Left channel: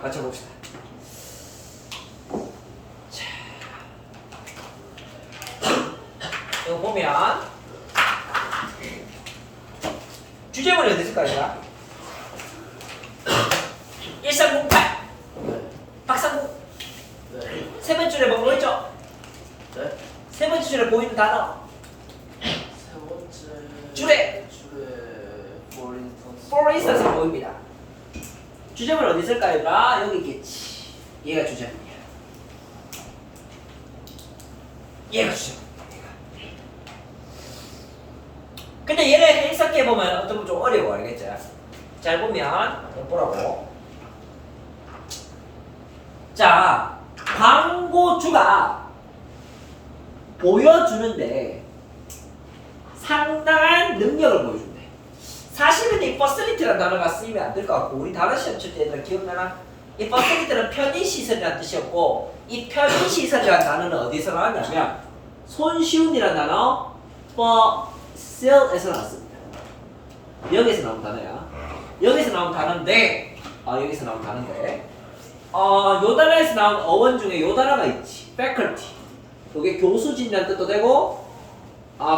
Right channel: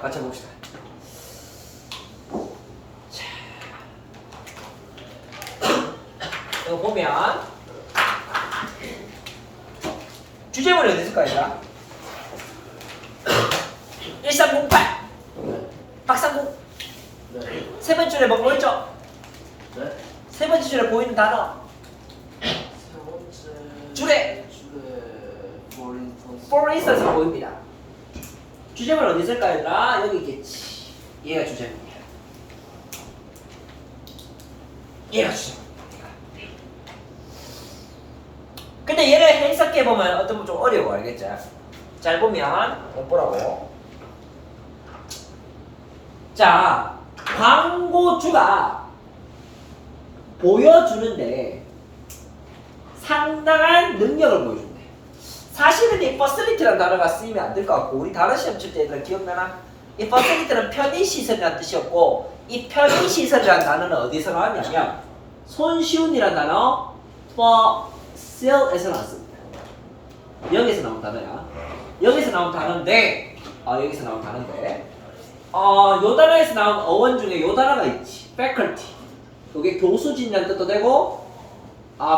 같이 봅시다. 이거 보면 주제문이 어디 있을까요? 1308 박상국 세 번째 줄에 뭐 있죠? 세 번째 줄에 보이는 단어 세 번째 줄에 for instance 보입니다. 주제문 어디 있을까요? 여기 있겠지. 얘가 주제문이야. 얘가 주제문. 근데 얘가 해석해 보면 어떤 건 좀 어려워, 알겠지? 잘 보면 보라고. 자, 광고주가 보여주는데 상당한 능력을 보여준대. 사실은 이 facility라는 단어가 쓰이면 안 될 것 같고, 우리 다른 시험 칠 때 얘들아 기억나나? 이 facility는 편의시설이라는 뜻이었고, 이 편의시설이라는 단어는 어디서 나왔냐면 손쉬운이라는 단어 facil에서 나왔습니다. 여기서 나온 단어야. 여기서 나온 단어인데, 여기서 나온 단어인데, 요 단어에서 나온 어원 중에 요 단어가 있지. faculty. 이게 교수진이라는 뜻도 되고,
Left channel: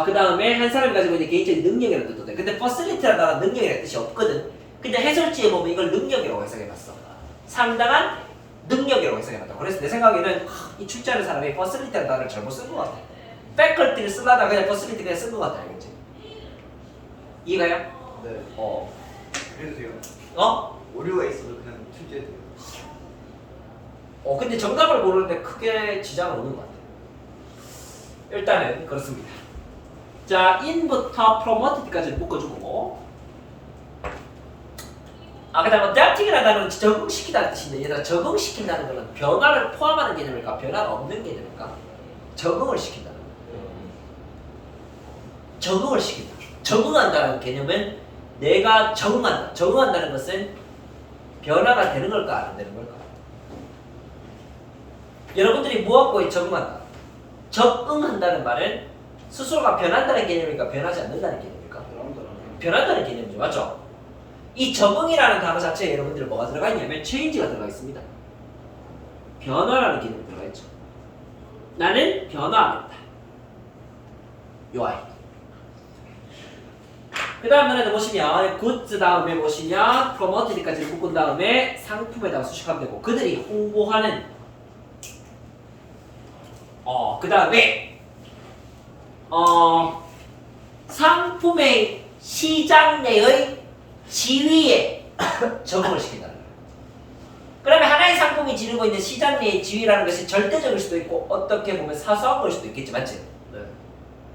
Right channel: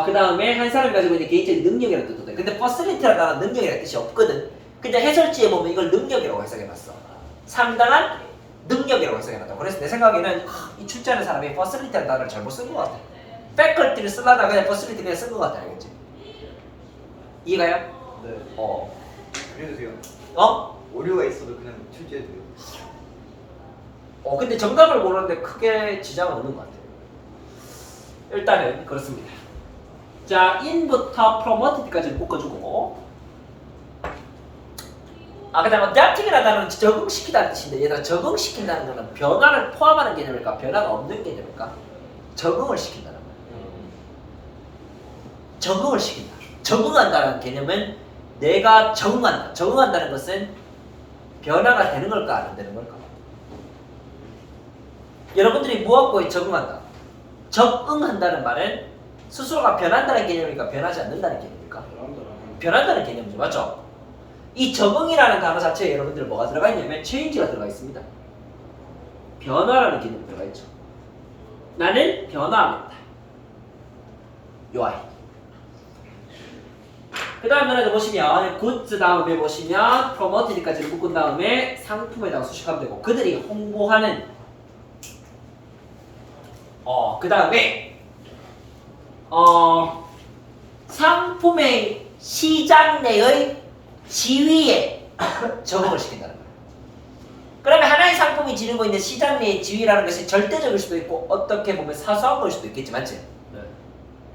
그 다음에 한 사람이 가지고 있는 개인적인 능력이라는 뜻도 돼. 근데 facility라는 단어 능력이라는 뜻이 없거든. 근데 해설지에 보면 이걸 능력이라고 해석해놨어. 상당한 능력이라고 해석해놨다. 그래서 내 생각에는 이 출제하는 사람이 facility라는 단어를 잘못 쓴 것 같아. faculty를 쓰려다가 그냥 facility 그냥 쓴 것 같아. 알겠지? 이해가요? 네. 어? 오류가 있어도 그냥 출제해도 근데 정답을 고르는데 크게 지장은 없는 것 같아요. 일단은 그렇습니다. 자, in부터 promoted까지는 묶어주고, 그 다음 adapting이라는 단어는 적응시키다는 뜻인데, 얘들아 적응시킨다는 거는 변화를 포함하는 개념일까? 변화가 없는 개념일까? 적응을 시킨다는 거야. 적응을 시킨다. 적응한다는 개념은 내가 적응한다. 적응한다는 것은 변화가 되는 걸까? 안 되는 걸까? 여러분들이 무엇과 적응한다? 적응한다는 말은 스스로가 변한다는 개념일까? 변하지 않는다는 개념일까? 변한다는 개념이죠. 맞죠? 이 적응이라는 단어 자체에 여러분들 뭐가 들어가 있냐면 change가 들어가 있습니다. 변화라는 개념이 들어가 있죠. 나는 변화합니다. 요 아이. 그 다음 면에도 보시면 goods 다음에 보시면 promoted까지 묶은 다음에 상품에다가 수식하면 되고, 그들이 홍보하는 그 다음에 상품의 시장 내의 지위에 적응을 시킨다는 거예요. 그러면 하나의 상품이 지니고 있는 시장 내의 지위라는 것이 절대적일 수도 있고 어떻게 보면 사소한 걸 수도 있겠지, 맞지? 네.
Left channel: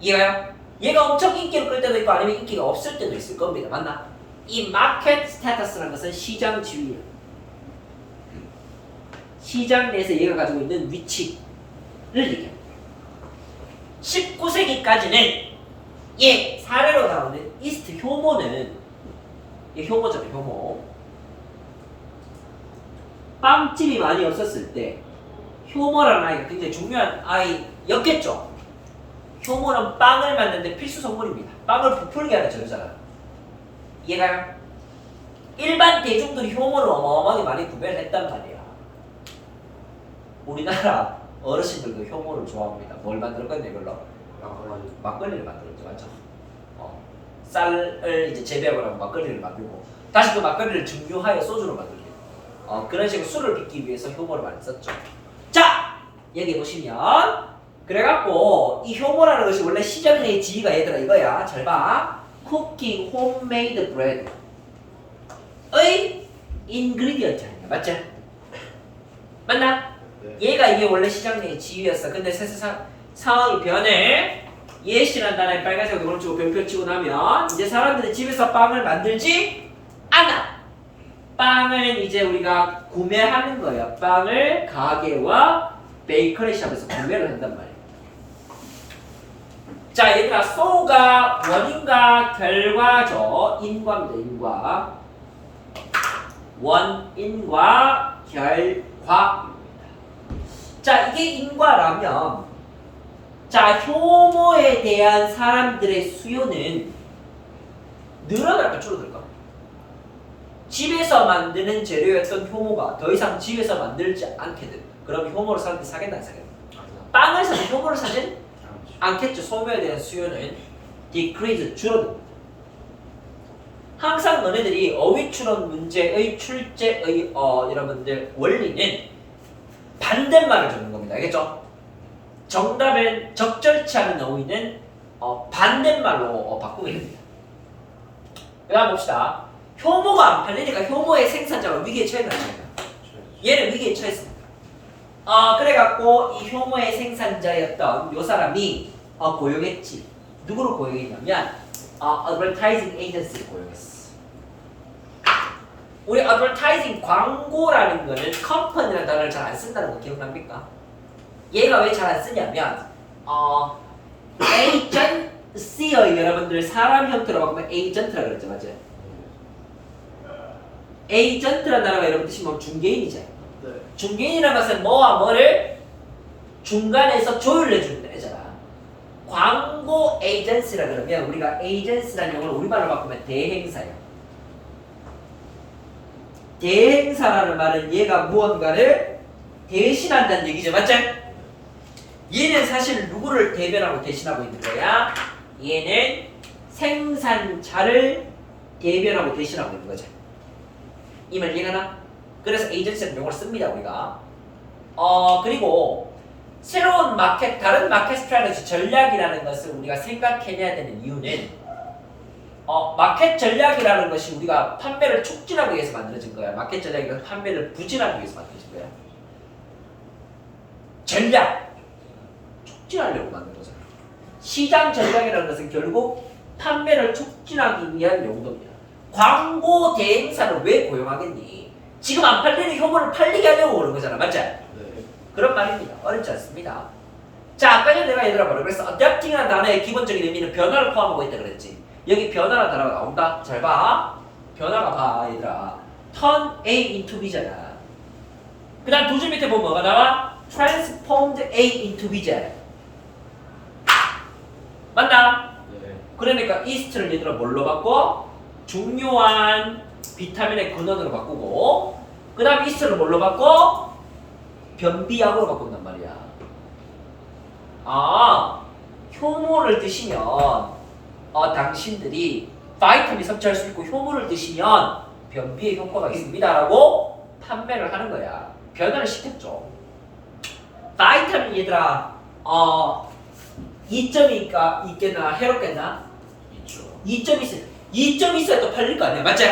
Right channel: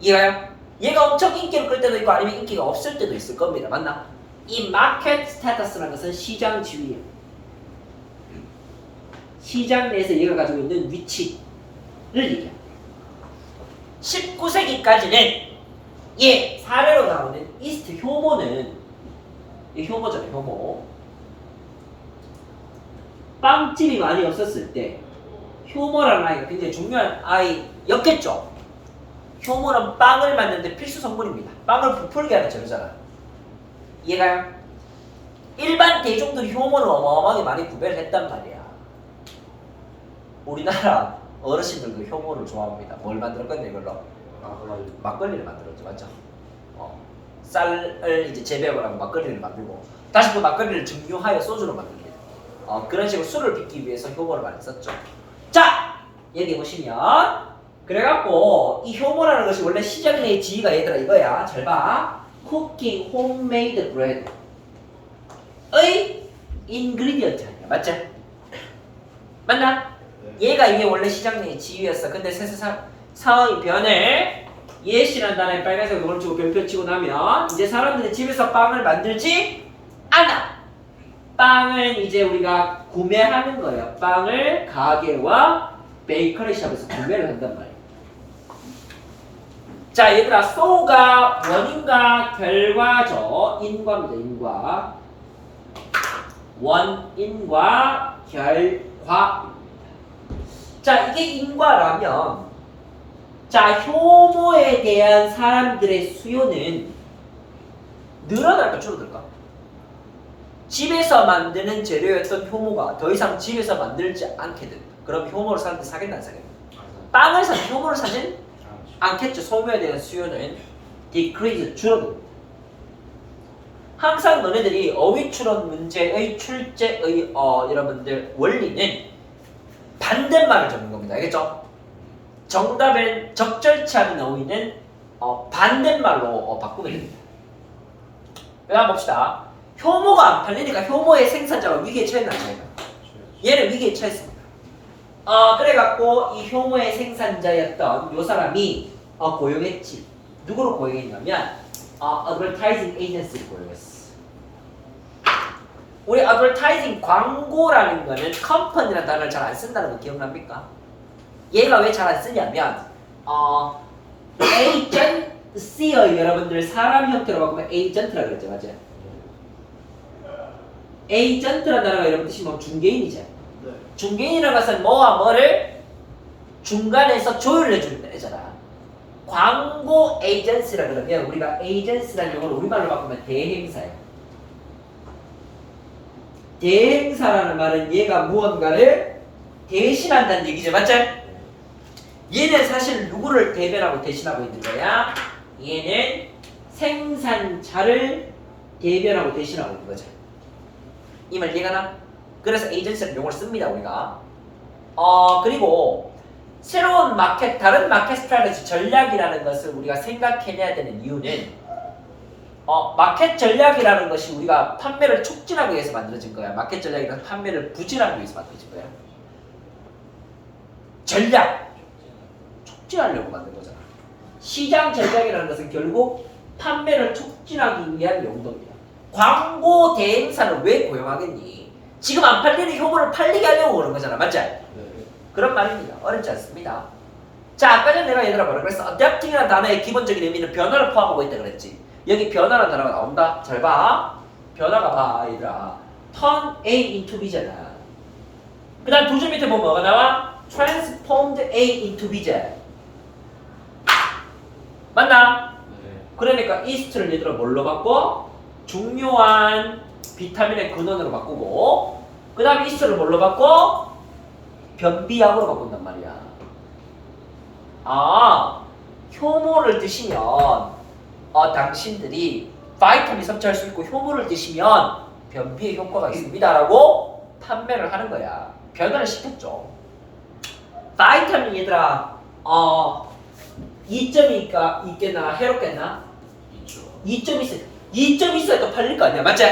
이해가요? 얘가 엄청 인기를 끌 때도 있고 아니면 인기가 없을 때도 있을 겁니다. 맞나? 이 마켓 스테이터스라는 것은 시장 지위예요. 시장 내에서 얘가 가지고 있는 위치를 얘기합니다. 19세기까지는 얘 사례로 나오는 이스트 효모는, 이 효모잖아요, 효모. 빵집이 많이 없었을 때 효모라는 아이가 굉장히 중요한 아이였겠죠. 효모는 빵을 만드는데 필수 성분입니다. 빵을 부풀게 하는 재료잖아. 이해가요? 일반 대중들이 효모를 어마어마하게 많이 구매를 했단 말이야. 우리나라 어르신들도 효모를 좋아합니다. 뭘 만들었거든요, 이걸로? 막걸리를 만들었죠, 맞죠? 쌀을 이제 재배하고 나면 막걸리를 만들고, 다시 그 막걸리를 증류하여 소주로 만들게. 그런 식으로 술을 빚기 위해서 효모를 많이 썼죠. 자, 여기 보시면 그래갖고 이 효모라는 것이 원래 시장 내의 지위가 얘들아 이거야. 잘 봐. Cooking homemade bread 의 ingredient 아니야, 맞지? 맞나? 얘가 이게 원래 시장 내의 지위였어. 근데 세상 상황이 변해. 예시란 단어에 빨간색 눈을 치고 별표 치고 나면 이제 사람들이 집에서 빵을 만들지 않아. 빵을 이제 우리가 구매하는 거예요. 빵을 가게와 베이커리 샵에서 구매를 한단 말이에요. 자, 얘들아, so가 원인과 결과죠. 인과입니다. 인과. 원인과 결과. 자, 이게 인과라면, 자, 효모에 대한 사람들의 수요는 늘어날까 줄어들까? 집에서 만드는 재료였던 효모가 더 이상 집에서 만들지 않게 된다. 그럼 효모를 사람들이 사겠나 안 사겠나? 빵을 사면 효모를 사진 않겠죠. 소모에 대한 수요는 decrease 줄어든다. 항상 너네들이 어휘 추론 문제의 출제의 여러분들 원리는 반대말을 적는 겁니다. 알겠죠? 정답은 적절치 않은 어휘는 반대말로 바꾸면 됩니다. 여기 봅시다. 효모가 안 팔리니까 효모의 생산자가 위기에 처했나 안 처했나? 얘는 위기에 처했습니다. 그래갖고 이 효모의 생산자였던 요 사람이 고용했지. 누구를 고용했냐면 advertising agency를 고용했어. 우리 advertising 광고라는 거는 company라는 단어를 잘 안 쓴다는 거 기억납니까? 얘가 왜 잘 안 쓰냐면 agency의 여러분들 사람 형태로 바꾸면 agent라 그랬죠, 맞죠? agent라는 단어가 여러분 뜻이 뭐 중개인이죠. 네. 중개인이라는 것은 뭐와 뭐를 중간에서 조율해주는 애잖아. 광고 에이전시라 그러면 우리가 에이전시라는 용어를 우리말로 바꾸면 대행사야. 대행사라는 말은 얘가 무언가를 대신한다는 얘기죠, 맞죠? 얘는 사실 누구를 대변하고 대신하고 있는 거야? 얘는 생산자를 대변하고 대신하고 있는 거죠. 이 말 이해가 나? 그래서 에이전시라는 용어를 씁니다, 우리가. 그리고 새로운 마켓, 다른 마켓 스트래티지 전략이라는 것을 우리가 생각해내야 되는 이유는 마켓 전략이라는 것이 우리가 판매를 촉진하기 위해서 만들어진 거야. 마켓 전략이란 판매를 부진하기 위해서 만들어진 거야. 전략! 촉진하려고 만든 거잖아. 시장 전략이라는 것은 결국 판매를 촉진하기 위한 용도입니다. 광고 대행사를 왜 고용하겠니? 지금 안 팔리는 효모를 팔리게 하려고 그런 거잖아. 맞지? 그런 말입니다. 어렵지 않습니다. 자, 아까 전에 내가 얘들아 뭐라 그랬어? adapting이라는 단어의 기본적인 의미는 변화를 포함하고 있다 그랬지. 여기 변화라는 단어가 나온다. 잘 봐. 변화가 봐, 얘들아. turn A into B잖아. 그 다음 두 줄 밑에 보면 뭐가 나와? transformed A into B잖아. 맞나? 그러니까 이스트를 얘들아 뭘로 바꿔? 중요한 비타민의 근원으로 바꾸고, 그 다음 이스트를 뭘로 바꿔? 변비약으로 바꾼단 말이야. 효모를 드시면 당신들이 바이타민 섭취할 수 있고 효모를 드시면 변비에 효과가 있습니다라고 판매를 하는 거야. 변화를 시켰죠. 바이타민 얘들아 2점이 있겠나? 해롭겠나? 2점 있어. 2점 있어야 또 팔릴 거 아니야, 맞지?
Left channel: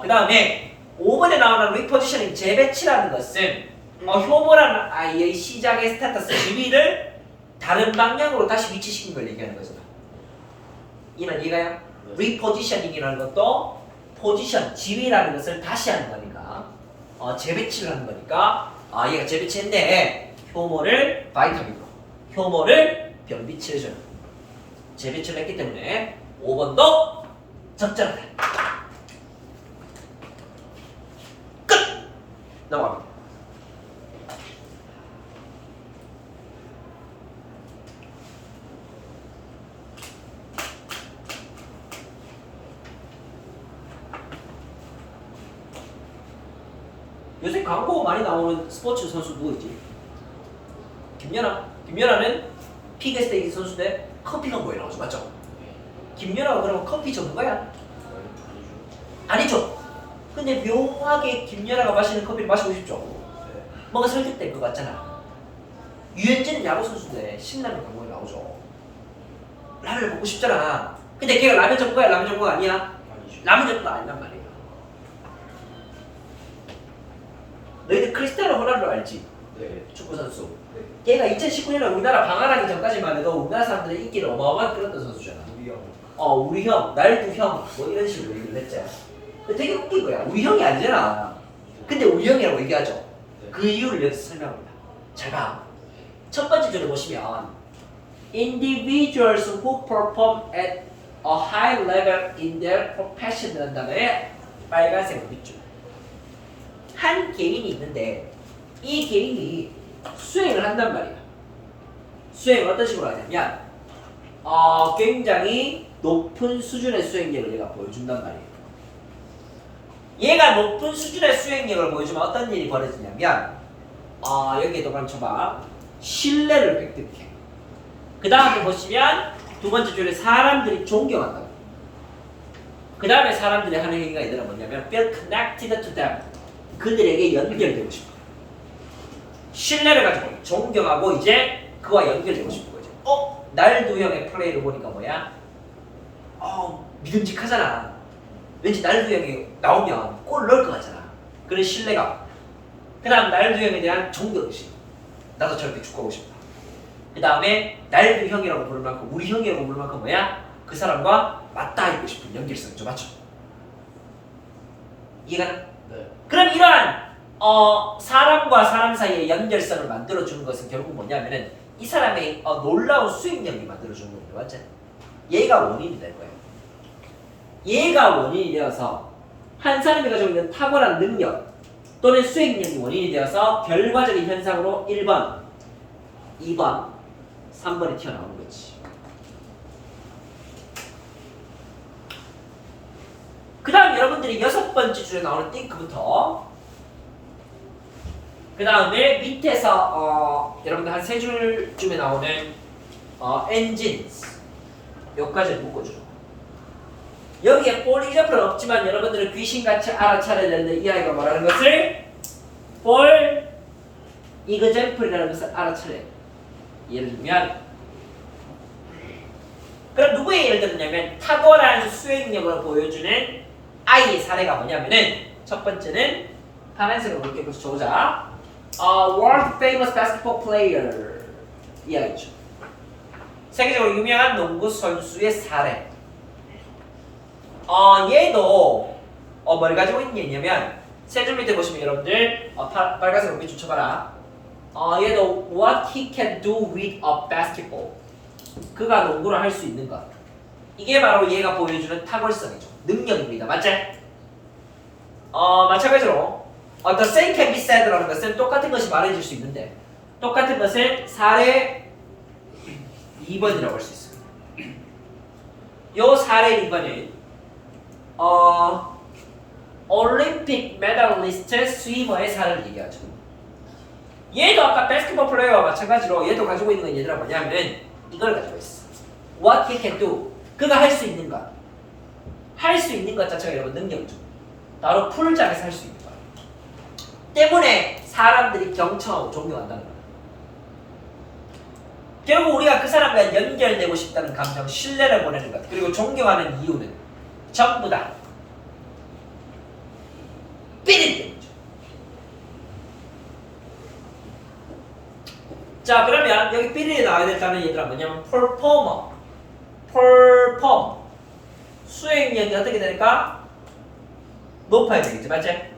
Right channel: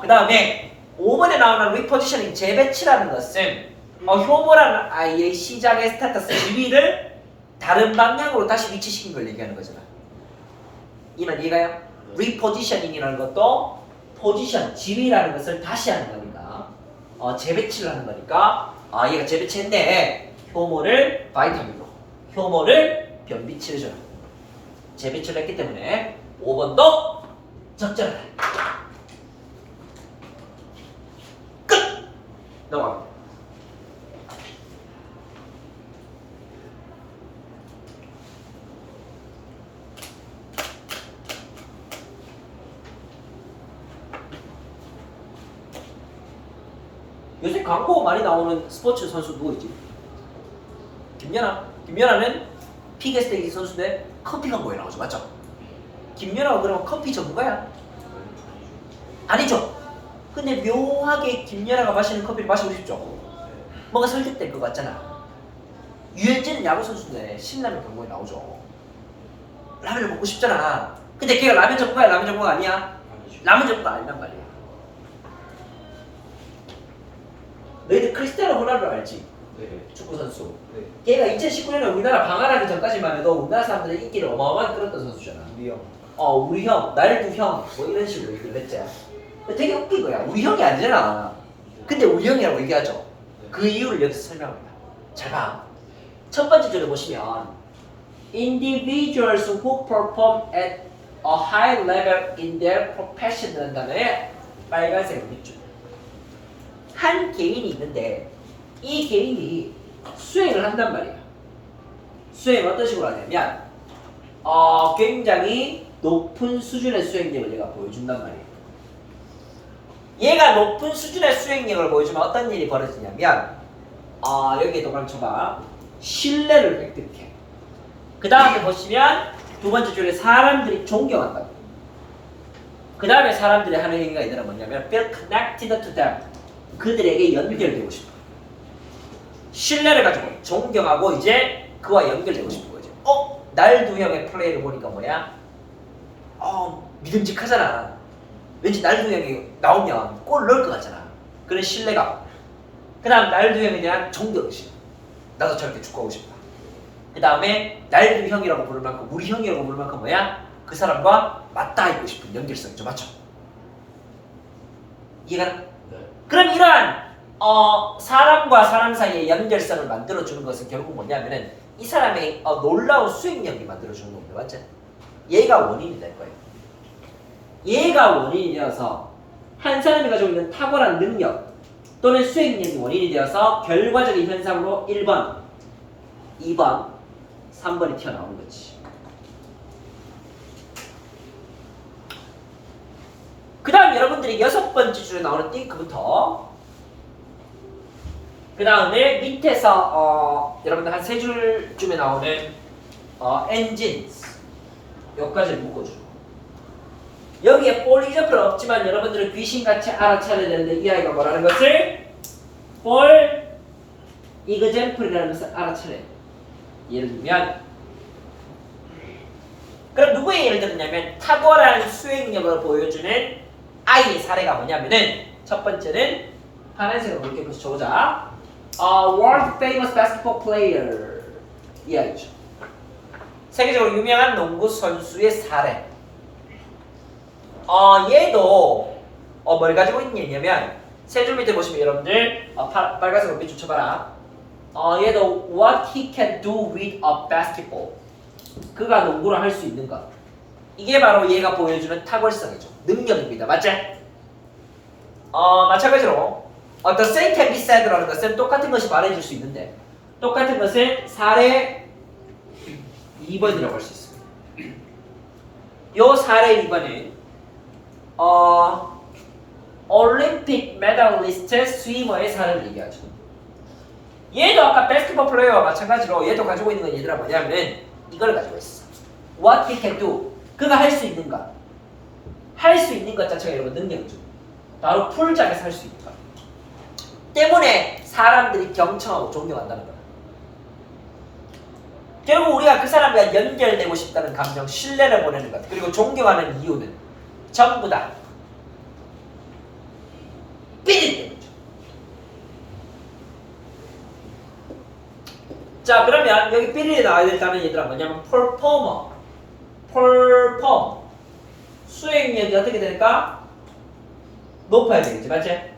그 다음에 5번에 나오는 리포지셔닝 재배치라는 것은 효모라는 아이의 시작의 스테이터스 지위를 다른 방향으로 다시 위치시킨 걸 얘기하는 거잖아. 이 말 이해가요? 리포지셔닝이라는 것도 포지션, 지위라는 것을 다시 하는 거니까 재배치를 하는 거니까 얘가 재배치했네. 효모를 바이타민으로, 효모를 변비치를 재배치를 했기 때문에 5번도 적절하다. 끝! 넘어가. 요새 광고 많이 나오는 스포츠 선수 누구 있지? 김연아. 김연아는 피겨스테이지 선수인데 커피 광고에 나오죠, 맞죠? 김연아가 그러면 커피 전문가야? 아니죠. 근데 묘하게 김연아가 마시는 커피를 마시고 싶죠? 뭔가 설득될 것 같잖아. 유현진은 야구 선수인데 신라면 광고에 나오죠. 라면을 먹고 싶잖아. 근데 걔가 라면 전문가야, 라면 전문가 아니야? 라면 전문가 아닌단 말이야. 너희들 크리스티아노 호날두 알지? 네. 축구 선수. 네. 걔가 2019년에 우리나라 방한하기 전까지만 해도 우리나라 사람들의 인기를 어마어마하게 끌었던 선수잖아. 우리 형. 우리 형, 날두 형, 뭐 이런 식으로 얘기를 했지. 되게 웃긴 거야. 우리 형이 아니잖아. 근데 우리 형이라고 얘기하죠. 네. 그 이유를 여기서 설명합니다. 잘 봐. 첫 번째 줄에 보시면 individuals who perform at a high level in their profession이라는 다음에 빨간색 밑줄. 한 개인이 있는데 이 개인이 수행을 한단 말이야. 수행을 어떤 식으로 하냐면 굉장히 높은 수준의 수행력을 얘가 보여준단 말이에요. 얘가 높은 수준의 수행력을 보여주면 어떤 일이 벌어지냐면 여기에 도관 쳐봐. 신뢰를 획득해. 그 다음에 보시면 두 번째 줄에 사람들이 존경한다고. 그 다음에 사람들이 하는 얘기가 있더라. 뭐냐면 feel connected to them. 그들에게 연결되고 싶어. 신뢰를 가지고 존경하고 이제 그와 연결되고 싶은 거죠. 날두 형의 플레이를 보니까 뭐야? 믿음직하잖아. 왠지 날두 형이 나오면 골 넣을 것 같잖아. 그런 신뢰감. 그 다음 날두 형에 대한 존경심. 나도 저렇게 축구하고 싶어. 그 다음에 날두 형이라고 부를 만큼 우리 형이라고 부를 만큼 뭐야? 그 사람과 맞닿아 있고 싶은 연결성 좀 맞죠? 이해가? 네. 그럼 이러한 사람과 사람 사이의 연결성을 만들어주는 것은 결국 뭐냐면은 이 사람의 놀라운 수행력이 만들어주는 거예요. 맞죠? 얘가 원인이 될 거예요. 얘가 원인이 되어서 한 사람이 가지고 있는 탁월한 능력 또는 수행력이 원인이 되어서 결과적인 현상으로 1번, 2번, 3번이 튀어나오는 거지. 그 다음 여러분들이 6번째 줄에 나오는 think부터 그 다음에 밑에서 여러분들 한 3줄쯤에 나오는 engines 여기까지 묶어주는 거예요. 여기에 for example 없지만 여러분들은 귀신같이 알아차려야 되는데 이 아이가 뭐라는 것을 for example이라는 것을 알아차려야 돼요. 예를 들면 그럼 누구의 예를 들었냐면 탁월한 수행력을 보여주는 아이의 사례가 뭐냐면은 첫 번째는 파란색으로 볼게요. 그래서 조자 world famous basketball player 이야기죠. 세계적으로 유명한 농구 선수의 사례. 얘도 뭘 가지고 있는 얘냐면 세 줄 밑에 보시면 여러분들 빨간색으로 밑줄 쳐봐라. 얘도 what he can do with a basketball. 그가 농구를 할 수 있는 것. 이게 바로 얘가 보여주는 탁월성이죠. 능력입니다. 맞지? 마찬가지로 the same can be said라는 것은 똑같은 것이 말해줄 수 있는데 똑같은 것은 사례 2번이라고 할 수 있습니다. 요 사례 2번은 올림픽 메달리스트 스위머의 사례를 얘기하죠. 얘도 아까 바스켓볼 플레이어와 마찬가지로 얘도 가지고 있는 건 얘들아 뭐냐면 이걸 가지고 있어. What he can do. 그가 할 수 있는 것. 할 수 있는 것 자체가 여러분 능력이죠. 바로 풀장에서 할 수 있는 것. 때문에 사람들이 경청하고 존경한다는 거예요. 결국 우리가 그 사람과 연결되고 싶다는 감정, 신뢰를 보내는 것, 그리고 존경하는 이유는 전부 다 삐리 때문이죠. 자, 그러면 여기 삐리에 나와야 될 단어 얘들아 뭐냐면 perform 수행력이 어떻게 되니까 높아야 되겠지, 맞지?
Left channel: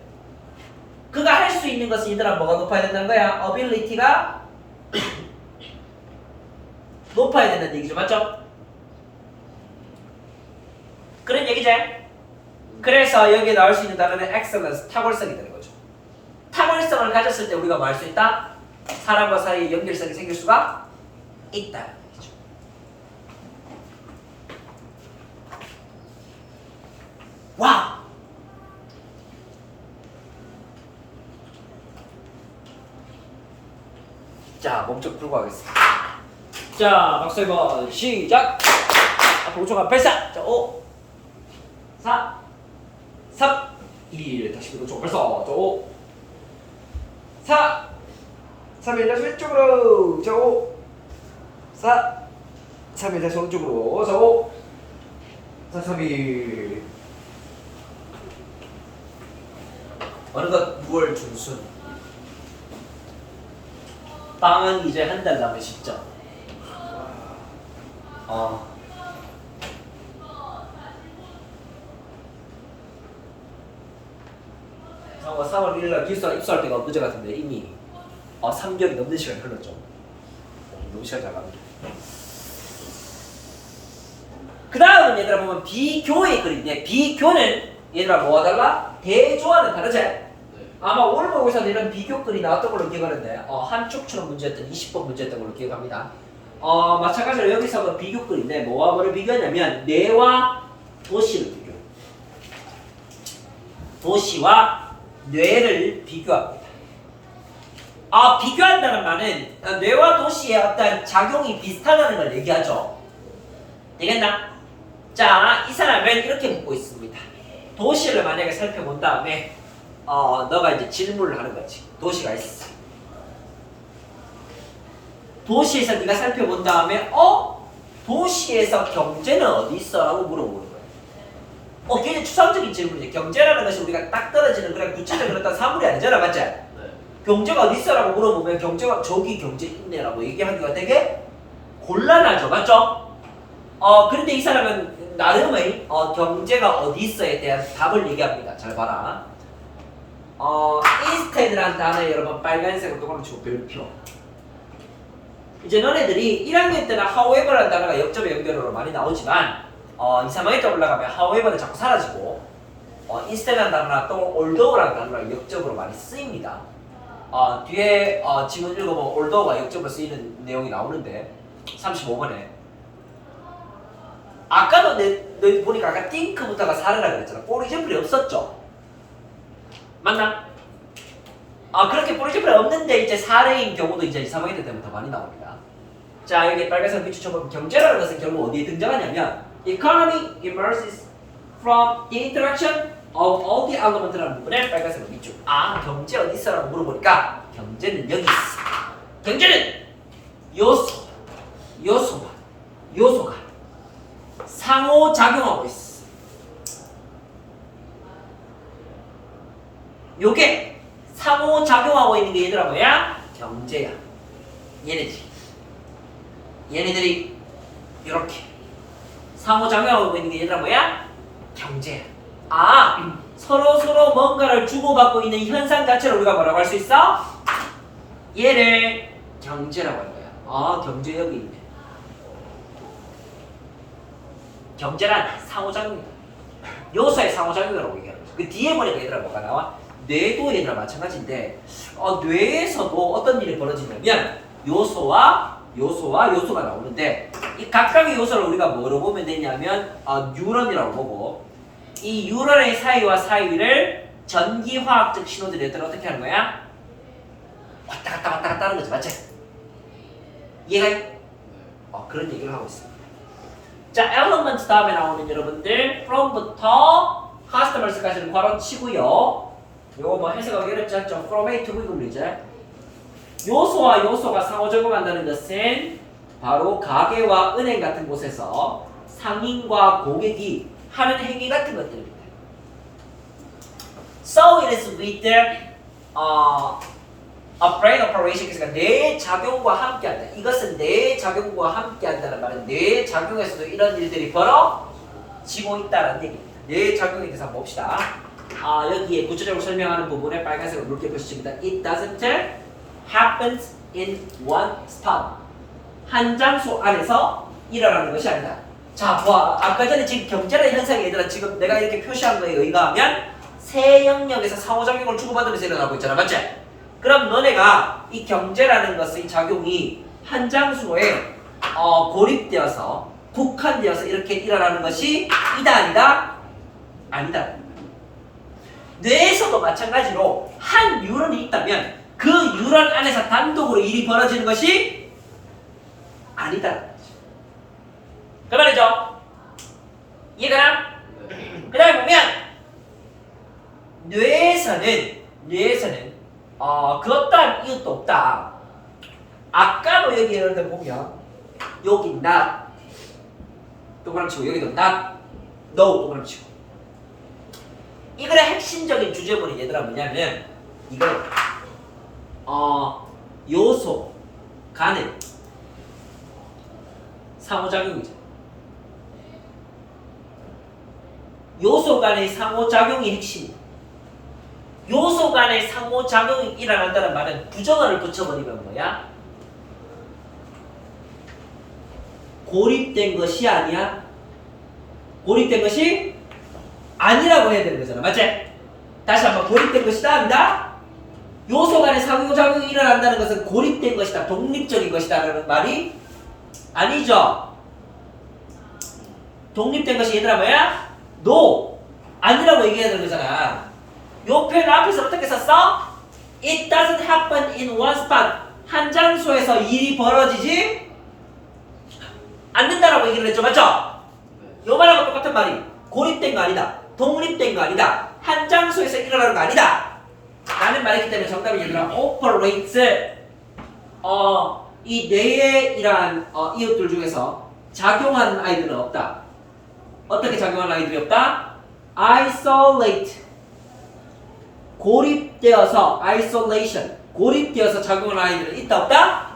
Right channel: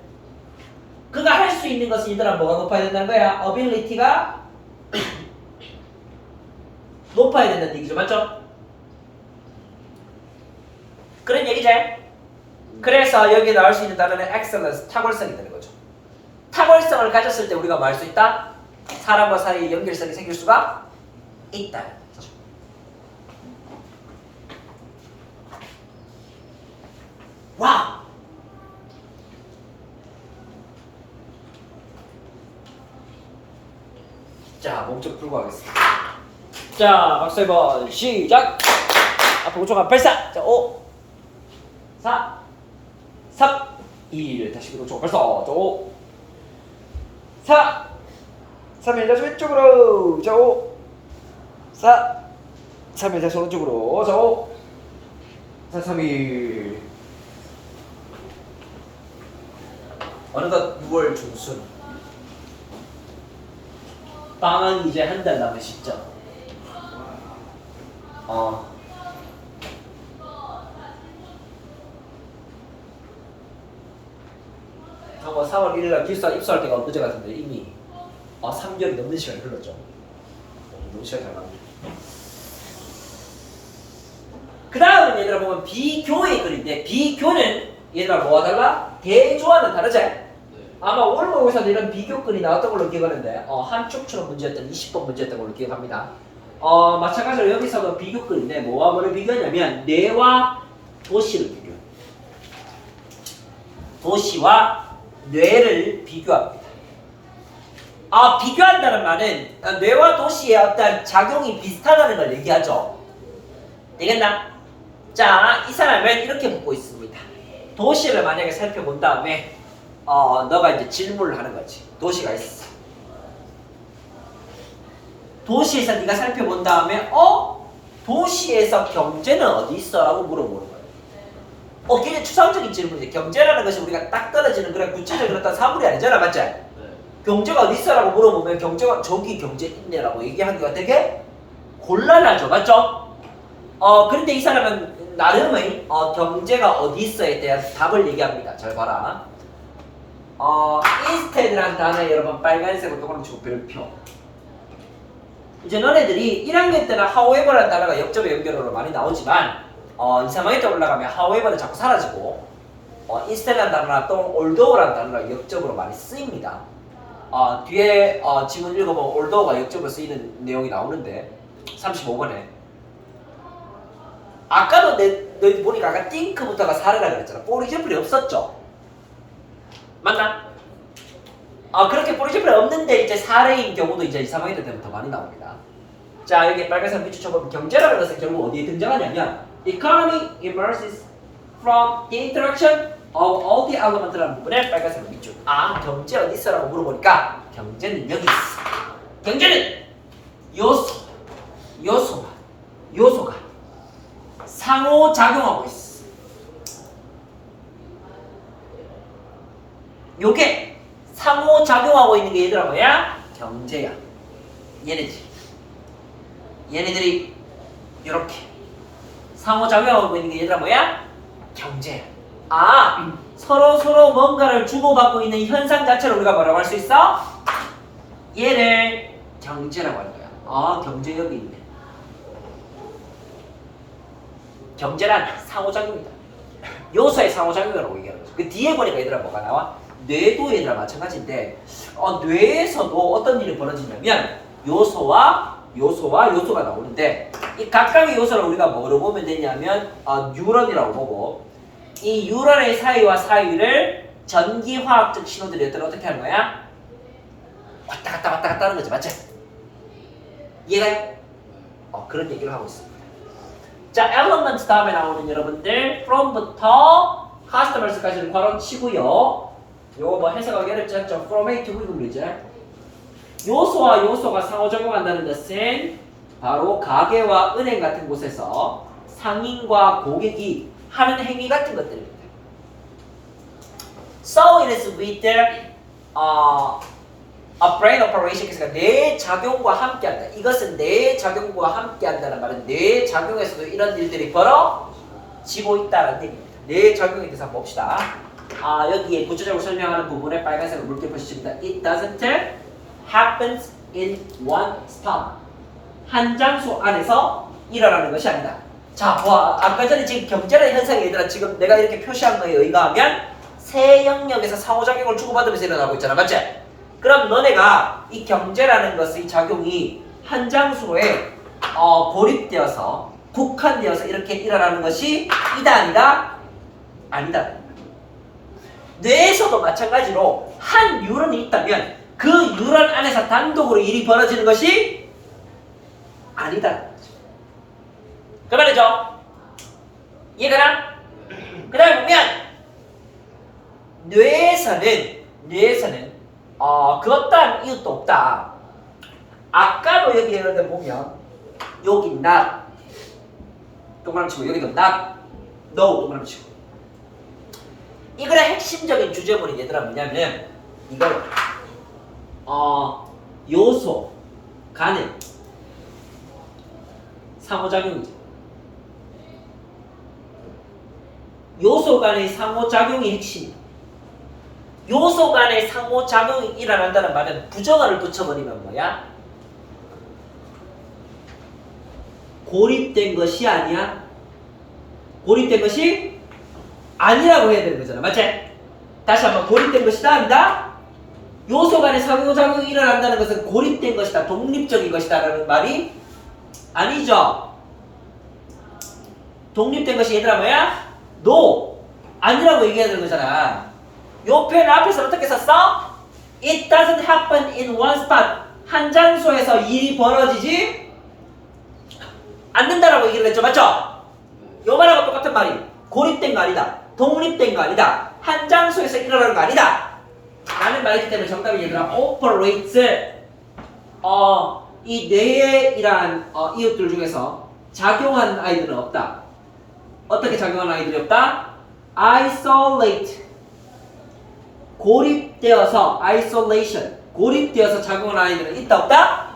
그가 할 수 있는 것은 얘들아 뭐가 높아야 된다는 거야? ability가 높아야 된다는 얘기죠, 맞죠? 그런 얘기지? 그래서 여기에 나올 수 있는 단어는 excellence, 탁월성이 되는 거죠. 탁월성을 가졌을 때 우리가 뭐 할 수 있다? 사람과 사이의 연결성이 생길 수가 있다는 얘기죠. 와우! 자, 몸 좀 풀고 하겠습니다. 자, 박수 1번 시작! 앞으로 우측한 발사! 자, 5 4 3 2 다시 뒤로 쭉 발사! 자, 5 4 3일 다시 왼쪽으로! 자, 5 4 3일 다시 오른쪽으로! 자, 5 4 3 2 어느덧 6월 중순 방학이 이제 한 달 남은 시점. 정말 3월 1일날 입사할 때가 엊그제 같은데 이미 3개월이 넘는 시간이 흘렀죠. 너무 시간이 잘 갑니다. 그 다음은 얘들아 보면 비교의 글인데 비교는 얘들아 뭐와 달라? 대조와는 다르지? 아마 올모의사도 이런 비교글이 나왔던 걸로 기억하는데 한 축처럼 문제였던 20번 문제였던 걸로 기억합니다. 마찬가지로 여기서도 비교글인데 뭐와 뭐를 비교하냐면 뇌와 도시를 비교. 도시와 뇌를 비교합니다. 비교한다는 말은 뇌와 도시의 어떤 작용이 비슷하다는 걸 얘기하죠. 되겠나? 자, 이 사람은 이렇게 묻고 있습니다. 도시를 만약에 살펴본 다음에 너가 이제 질문을 하는 거지. 도시가 있어. 도시에서 네가 살펴본 다음에 도시에서 경제는 어디 있어? 라고 물어보는 거야. 굉장히 추상적인 질문이지. 경제라는 것이 우리가 딱 떨어지는 그런 구체적인 어떤 사물이 아니잖아, 맞지? 경제가 어디 있어? 라고 물어보면 경제가 저기 경제 있네 라고 얘기하기가 되게 곤란하죠, 맞죠? 그런데 이 사람은 나름의 경제가 어디 있어에 대한 답을 얘기합니다. 잘 봐라. instead라는 단어에 여러분 빨간색으로 동그라미 치고 별표. 이제 너네들이 1학년 때는 however라는 단어가 역접의 연결어로 많이 나오지만 2, 3학년 때 올라가면 however는 자꾸 사라지고 instead라는 단어나 또 although라는 단어가 역접으로 많이 쓰입니다. 뒤에 지문 읽어보면 although가 역접으로 쓰이는 내용이 나오는데 35번에 아까도 너희 보니까 아까 think부터가 사례라 그랬잖아. 포리제플이 없었죠? 맞나? 그렇게 포리제플이 없는데 이제 사례인 경우도 이제 2, 3학년 때문에 더 많이 나옵니다. 자, 여기 빨간색 밑줄 쳐보면 경제라는 것은 결국 어디에 등장하냐면 economy emerges from the interaction of all the elements라는 부분에 빨간색 밑줄. 경제 어디 있어? 라고 물어보니까 경제는 여기 있어. 경제는 요소가 상호작용하고 있어. 요게 상호작용하고 있는 게 얘들아 뭐야? 경제야. 얘네들이 이렇게 상호작용하고 있는 게 얘들아 뭐야? 경제야. 서로 뭔가를 주고받고 있는 현상 자체를 우리가 뭐라고 할 수 있어? 얘를 경제라고 할 거야. 경제 여기 있네. 경제란 상호작용이다. 요소의 상호작용이라고 얘기하는 거지. 그 뒤에 보니까 얘들아 뭐가 나와? 뇌도 얘들아 마찬가지인데 뇌에서도 어떤 일이 벌어지냐면 요소와 요소가 나오는데 이 각각의 요소를 우리가 뭐로 보면 되냐면 뉴런이라고 보고 이 뉴런의 사이와 사이를 전기화학적 신호들이 얘들아 어떻게 하는 거야? 왔다 갔다 하는 거지, 맞지? 이해가? 그런 얘기를 하고 있습니다. 자, elements 다음에 나오는 여러분들 from부터 customers까지는 괄호 치고요. 요거 뭐 해석하기 어렵지 않죠? from A to B군요 이제. 요소와 요소가 상호작용한다는 것은 바로 가게와 은행 같은 곳에서 상인과 고객이 하는 행위 같은 것들입니다. So it is with a brain operation. 그러니까 뇌 작용과 함께한다. 이것은 뇌 작용과 함께한다는 말은 뇌 작용에서도 이런 일들이 벌어지고 있다는 얘기입니다. 뇌 작용에 대해서 한번 봅시다. 여기에 구체적으로 설명하는 부분에 빨간색으로 묽게 표시됩니다. It doesn't happens in one spot. 한 장소 안에서 일어나는 것이 아니다. 자, 봐. 아까 전에 지금 경제라는 현상이 얘들아 지금 내가 이렇게 표시한 거에 의하면 세 영역에서 상호작용을 주고받으면서 일어나고 있잖아. 맞지? 그럼 너네가 이 경제라는 것의 작용이 한 장소에 고립되어서 국한되어서 이렇게 일어나는 것이 아니다? 아니다. 뇌에서도 마찬가지로 한 뉴런이 있다면 그 뉴런 안에서 단독으로 일이 벌어지는 것이 아니다. 그 말이죠? 이해가나? 그 다음에 보면 뇌에서는 그 따른 이유도 없다. 아까도 여기 예를 들어 보면 여기 not 동그라미 치고 여기도 not no 동그라미 치고 이거의 핵심적인 주제문이 얘들아 뭐냐면 이거요. 요소 간의 상호작용이죠. 요소 간의 상호작용이 핵심이에요. 요소 간의 상호작용이 일어난다는 말은 부정어를 붙여버리면 뭐야? 고립된 것이 아니야? 고립된 것이 아니라고 해야 되는 거잖아. 맞지? 다시 한번 고립된 것이다 한다? 요소 간의 상호작용이 일어난다는 것은 고립된 것이다. 독립적인 것이다 라는 말이 아니죠. 독립된 것이 얘들아 뭐야? No! 아니라고 얘기해야 되는 거잖아. 요 표현 앞에서 어떻게 썼어? It doesn't happen in one spot. 한 장소에서 일이 벌어지지 않는다라고 얘기를 했죠. 맞죠? 요 말하고 똑같은 말이 고립된 거 아니다. 독립된 거 아니다. 한 장소에서 일어나는 거 아니다. 라는 말이 있기 때문에 정답이 얘들아 operates 이 뇌의 이러한 이웃들 중에서 작용하는 아이들은 없다. 어떻게 작용하는 아이들이 없다? isolate 고립되어서 isolation 고립되어서 작용하는 아이들은 있다 없다?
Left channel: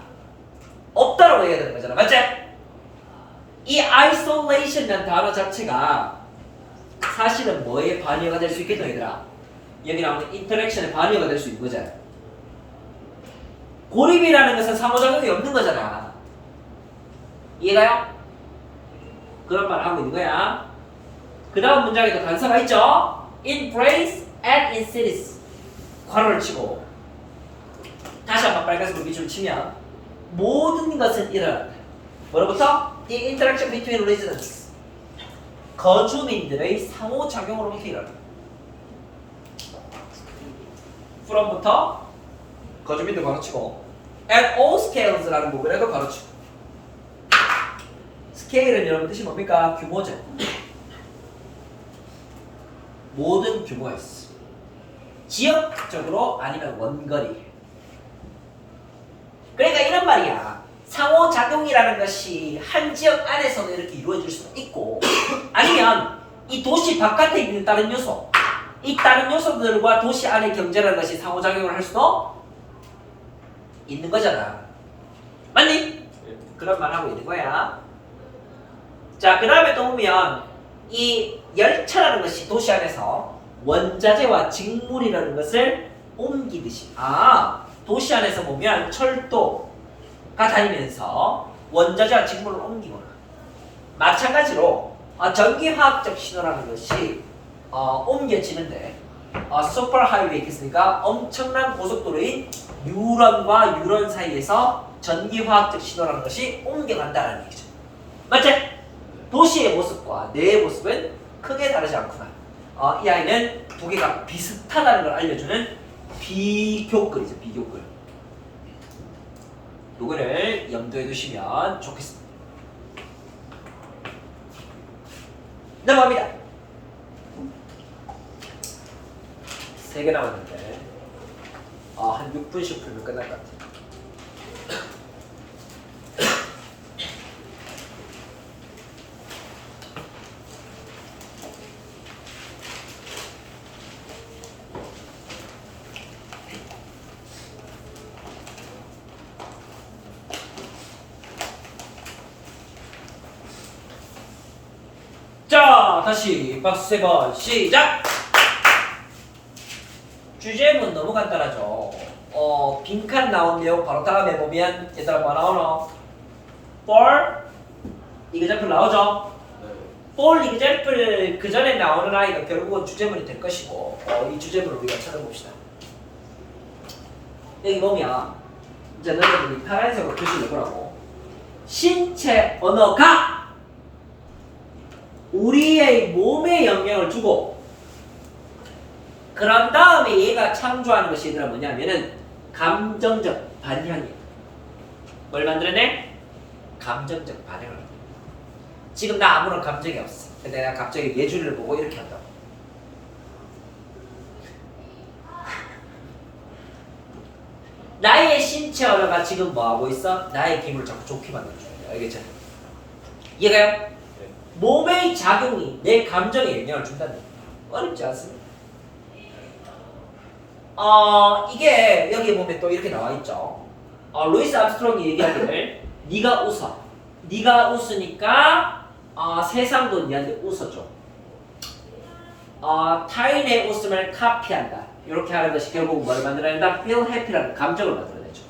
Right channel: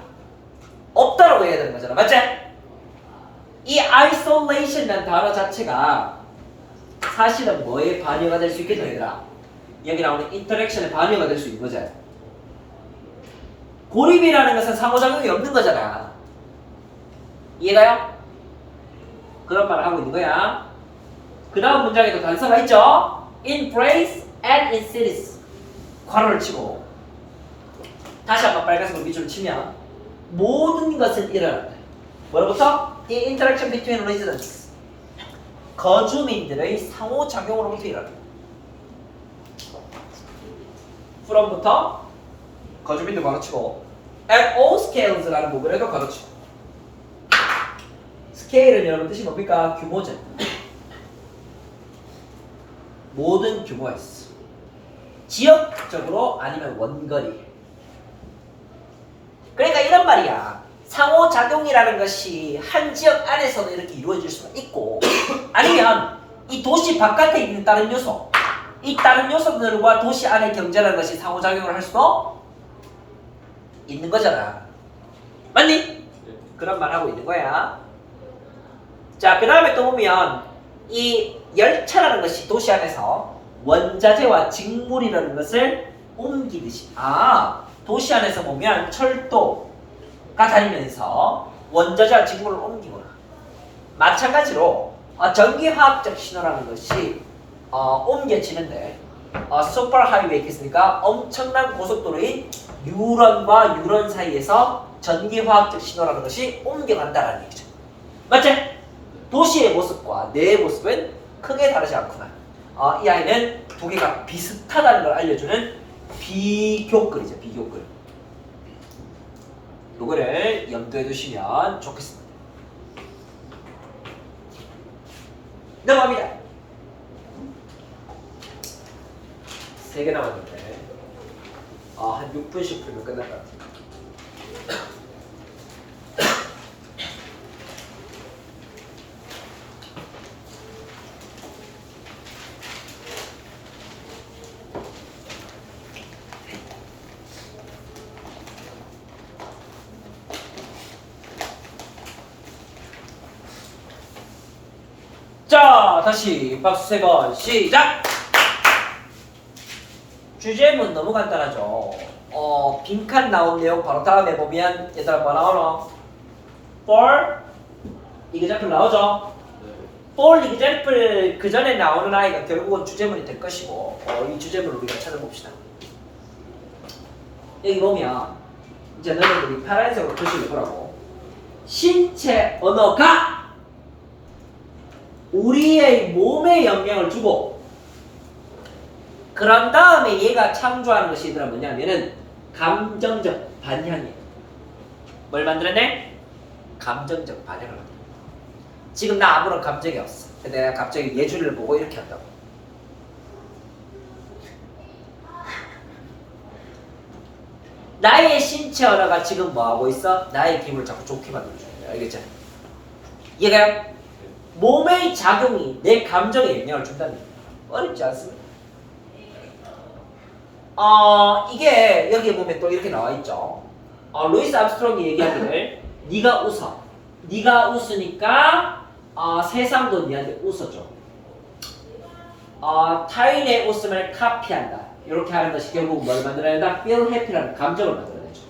없다라고 해야 되는 거잖아. 맞지? 이 isolation이라는 단어 자체가 사실은 뭐에 반의가 될 수 있겠노 얘들아? 여기 나오는 인터랙션의 반의가 될 수 있는 거잖아. 고립이라는 것은 상호작용이 없는 거잖아. 이해가요? 그런 말을 하고 있는 거야. 그 다음 문장에도 단서가 있죠? In brains and in cities 괄호를 치고 다시 한번 빨간색으로 밑줄을 치면 모든 것은 일어난다. 뭐로부터? The interaction between residents 거주민들의 상호작용으로부터 일어난다. from부터 거주민들 가르치고 at all scales라는 부분에도 가르치고 스케일은 여러분 뜻이 뭡니까? 규모죠. 모든 규모에서 지역적으로 아니면 원거리. 그러니까 이런 말이야. 상호작용이라는 것이 한 지역 안에서도 이렇게 이루어질 수가 있고 아니면 이 도시 바깥에 있는 다른 요소 이 다른 요소들과 도시 안의 경제라는 것이 상호작용을 할 수도 있는 거잖아. 맞니? 그런 말 하고 있는 거야. 자, 그 다음에 또 보면 이 열차라는 것이 도시 안에서 원자재와 직물이라는 것을 옮기듯이 도시 안에서 보면 철도가 다니면서 원자재와 직물을 옮기거나 마찬가지로 전기화학적 신호라는 것이 옮겨지는데 슈퍼하이웨이 있겠습니까? 엄청난 고속도로인 뉴런과 뉴런 사이에서 전기화학적 신호라는 것이 옮겨간다는 얘기죠. 맞지? 도시의 모습과 뇌의 모습은 크게 다르지 않구나. 이 아이는 두 개가 비슷하다는 걸 알려주는 비교글이죠. 비교글. 요거를 염두에 두시면 좋겠습니다. 넘어갑니다. 3개 남았는데 한 6분씩 풀면 끝날 것 같아요. 자, 다시 박수 3번 시작! 주제문 너무 간단하죠. 빈칸 나온 내용 바로 다음에 보면 얘들아 뭐 나오나? for example 나오죠? for example 그 전에 나오는 아이가 결국은 주제문이 될 것이고 이 주제문을 우리가 찾아봅시다. 여기 보면 이제 너희들이 파란색으로 표시를 해보라고. 신체 언어가 우리의 몸에 영향을 주고 그런 다음에 얘가 창조하는 것이 얘들아 뭐냐면은 감정적 반향이야. 뭘 만들어내? 감정적 반향을 만들어. 지금 나 아무런 감정이 없어. 근데 내가 갑자기 예준이를 보고 이렇게 한다고. 나의 신체 언어가 지금 뭐하고 있어? 나의 기분을 자꾸 좋게 만들어줘. 알겠죠? 얘가 몸의 작용이 내 감정에 영향을 준다는 거예요. 어렵지 않습니까? 이게 여기 보면 또 이렇게 나와 있죠. 루이스 암스트롱이 얘기하기를 네가 웃어. 네가 웃으니까 세상도 네한테 웃어줘. 타인의 웃음을 카피한다. 이렇게 하는 것이 결국 뭘 만들어낸다? feel happy라는 감정을 만들어내죠.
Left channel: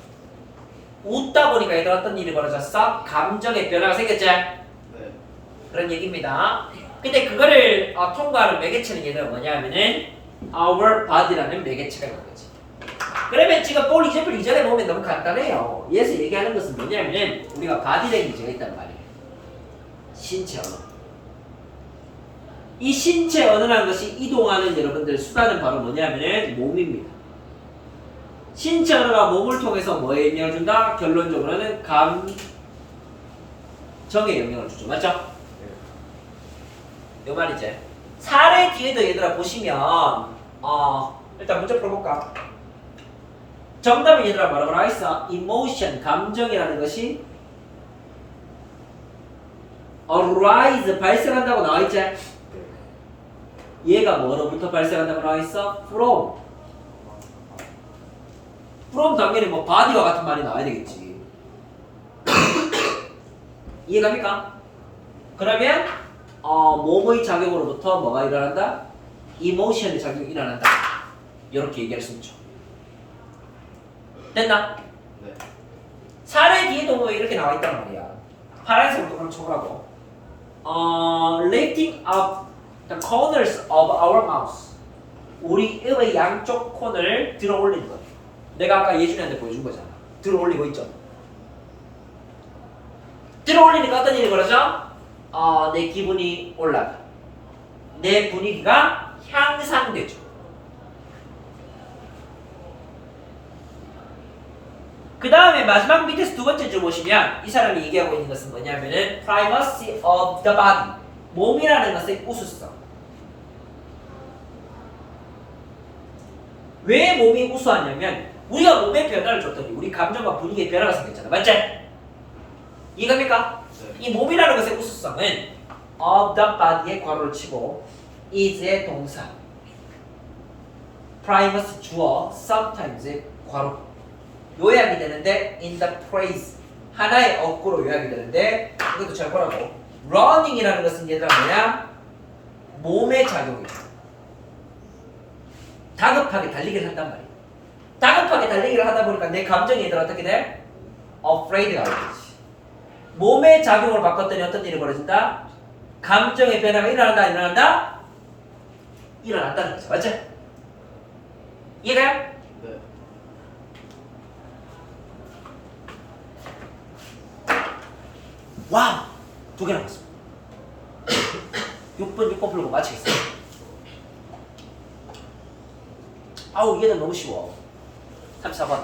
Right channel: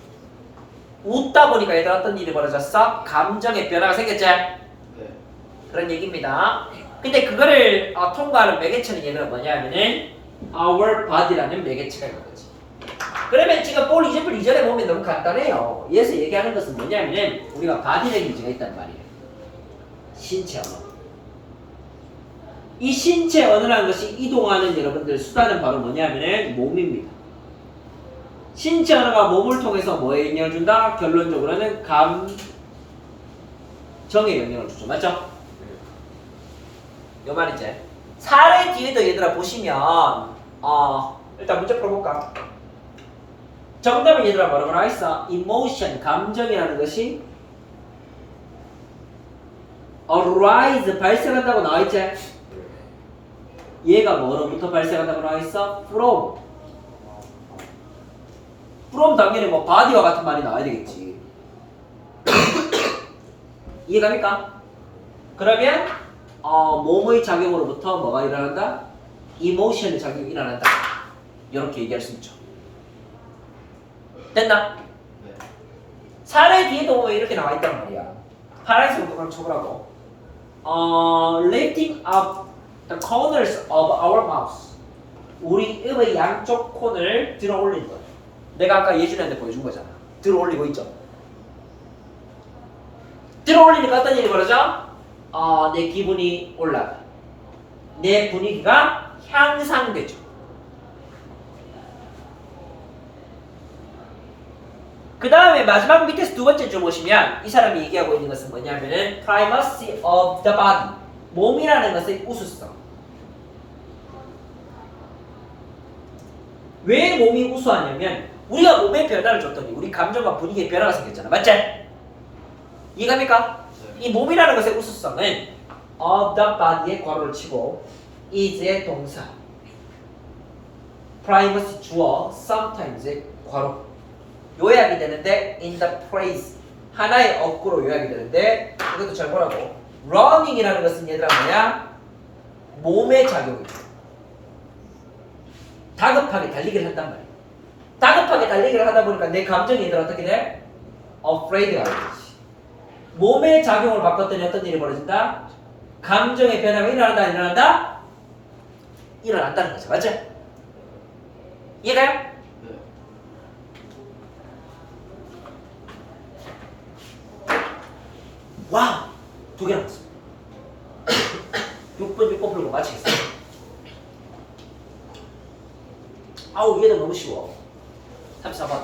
웃다 보니까 얘들 어떤 일이 벌어졌어? 감정의 변화가 생겼지? 그런 얘기입니다. 근데 그거를 통과하는 매개체는 얘가 뭐냐면은 our body라는 매개체가 있는 거지. 그러면 지금 볼 이제플 이전에 보면 너무 간단해요. 여기서 얘기하는 것은 뭐냐면은 우리가 body language가 있단 말이에요. 신체 언어. 이 신체 언어라는 것이 이동하는 여러분들 수단은 바로 뭐냐면은 몸입니다. 신체 언어가 몸을 통해서 뭐에 영향을 준다? 결론적으로는 감정에 영향을 주죠. 맞죠? 요 말이지. 사례 뒤에도 얘들아 보시면 일단 문제 풀어볼까? 정답은 얘들아 뭐라고 나와있어? emotion, 감정이라는 것이 arise, 발생한다고 나와있지? 얘가 뭐로부터 발생한다고 나와있어? from 당연히 뭐 body와 같은 말이 나와야 되겠지. 이해갑니까? 그러면 몸의 작용으로부터 뭐가 일어난다? emotion의 작용이 일어난다. 이렇게 얘기할 수 있죠. 됐나? 네. 사례 뒤에도 보면 이렇게 나와 있단 말이야. 파란색으로 그럼 쳐보라고. lifting up the corners of our mouth. 우리 입의 양쪽 콘을 들어 올리는 거죠. 내가 아까 예준이한테 보여준 거잖아. 들어 올리고 있죠. 들어 올리니까 어떤 일이 벌어져? 내 기분이 올라가. 내 분위기가 향상되죠. 그 다음에 마지막 밑에서 두 번째 줄 보시면 이 사람이 얘기하고 있는 것은 뭐냐면은 primacy of the body. 몸이라는 것의 우수성. 왜 몸이 우수하냐면 우리가 몸에 변화를 줬더니 우리 감정과 분위기에 변화가 생겼잖아. 맞지? 이해갑니까? 이 몸이라는 것의 우수성은 of the body에 괄호를 치고 is의 동사, primacy 주어, sometimes의 괄호 요약이 되는데 in the phrase 하나의 어구로 요약이 되는데 이것도 잘 보라고. running이라는 것은 얘들아 뭐야? 몸의 작용이죠. 다급하게 달리기를 한단 말이야. 다급하게 달리기를 하다 보니까 내 감정이 얘들아 어떻게 돼? afraid가 되지. 몸의 작용을 바꿨더니 어떤 일이 벌어진다? 감정의 변화가 일어난다, 일어난다? 일어난다는 거죠. 맞죠? 이해가요? 네. 와! 두 개 남았어. 6번 풀고 마치겠어. 아우, 얘는 너무 쉬워. 34번.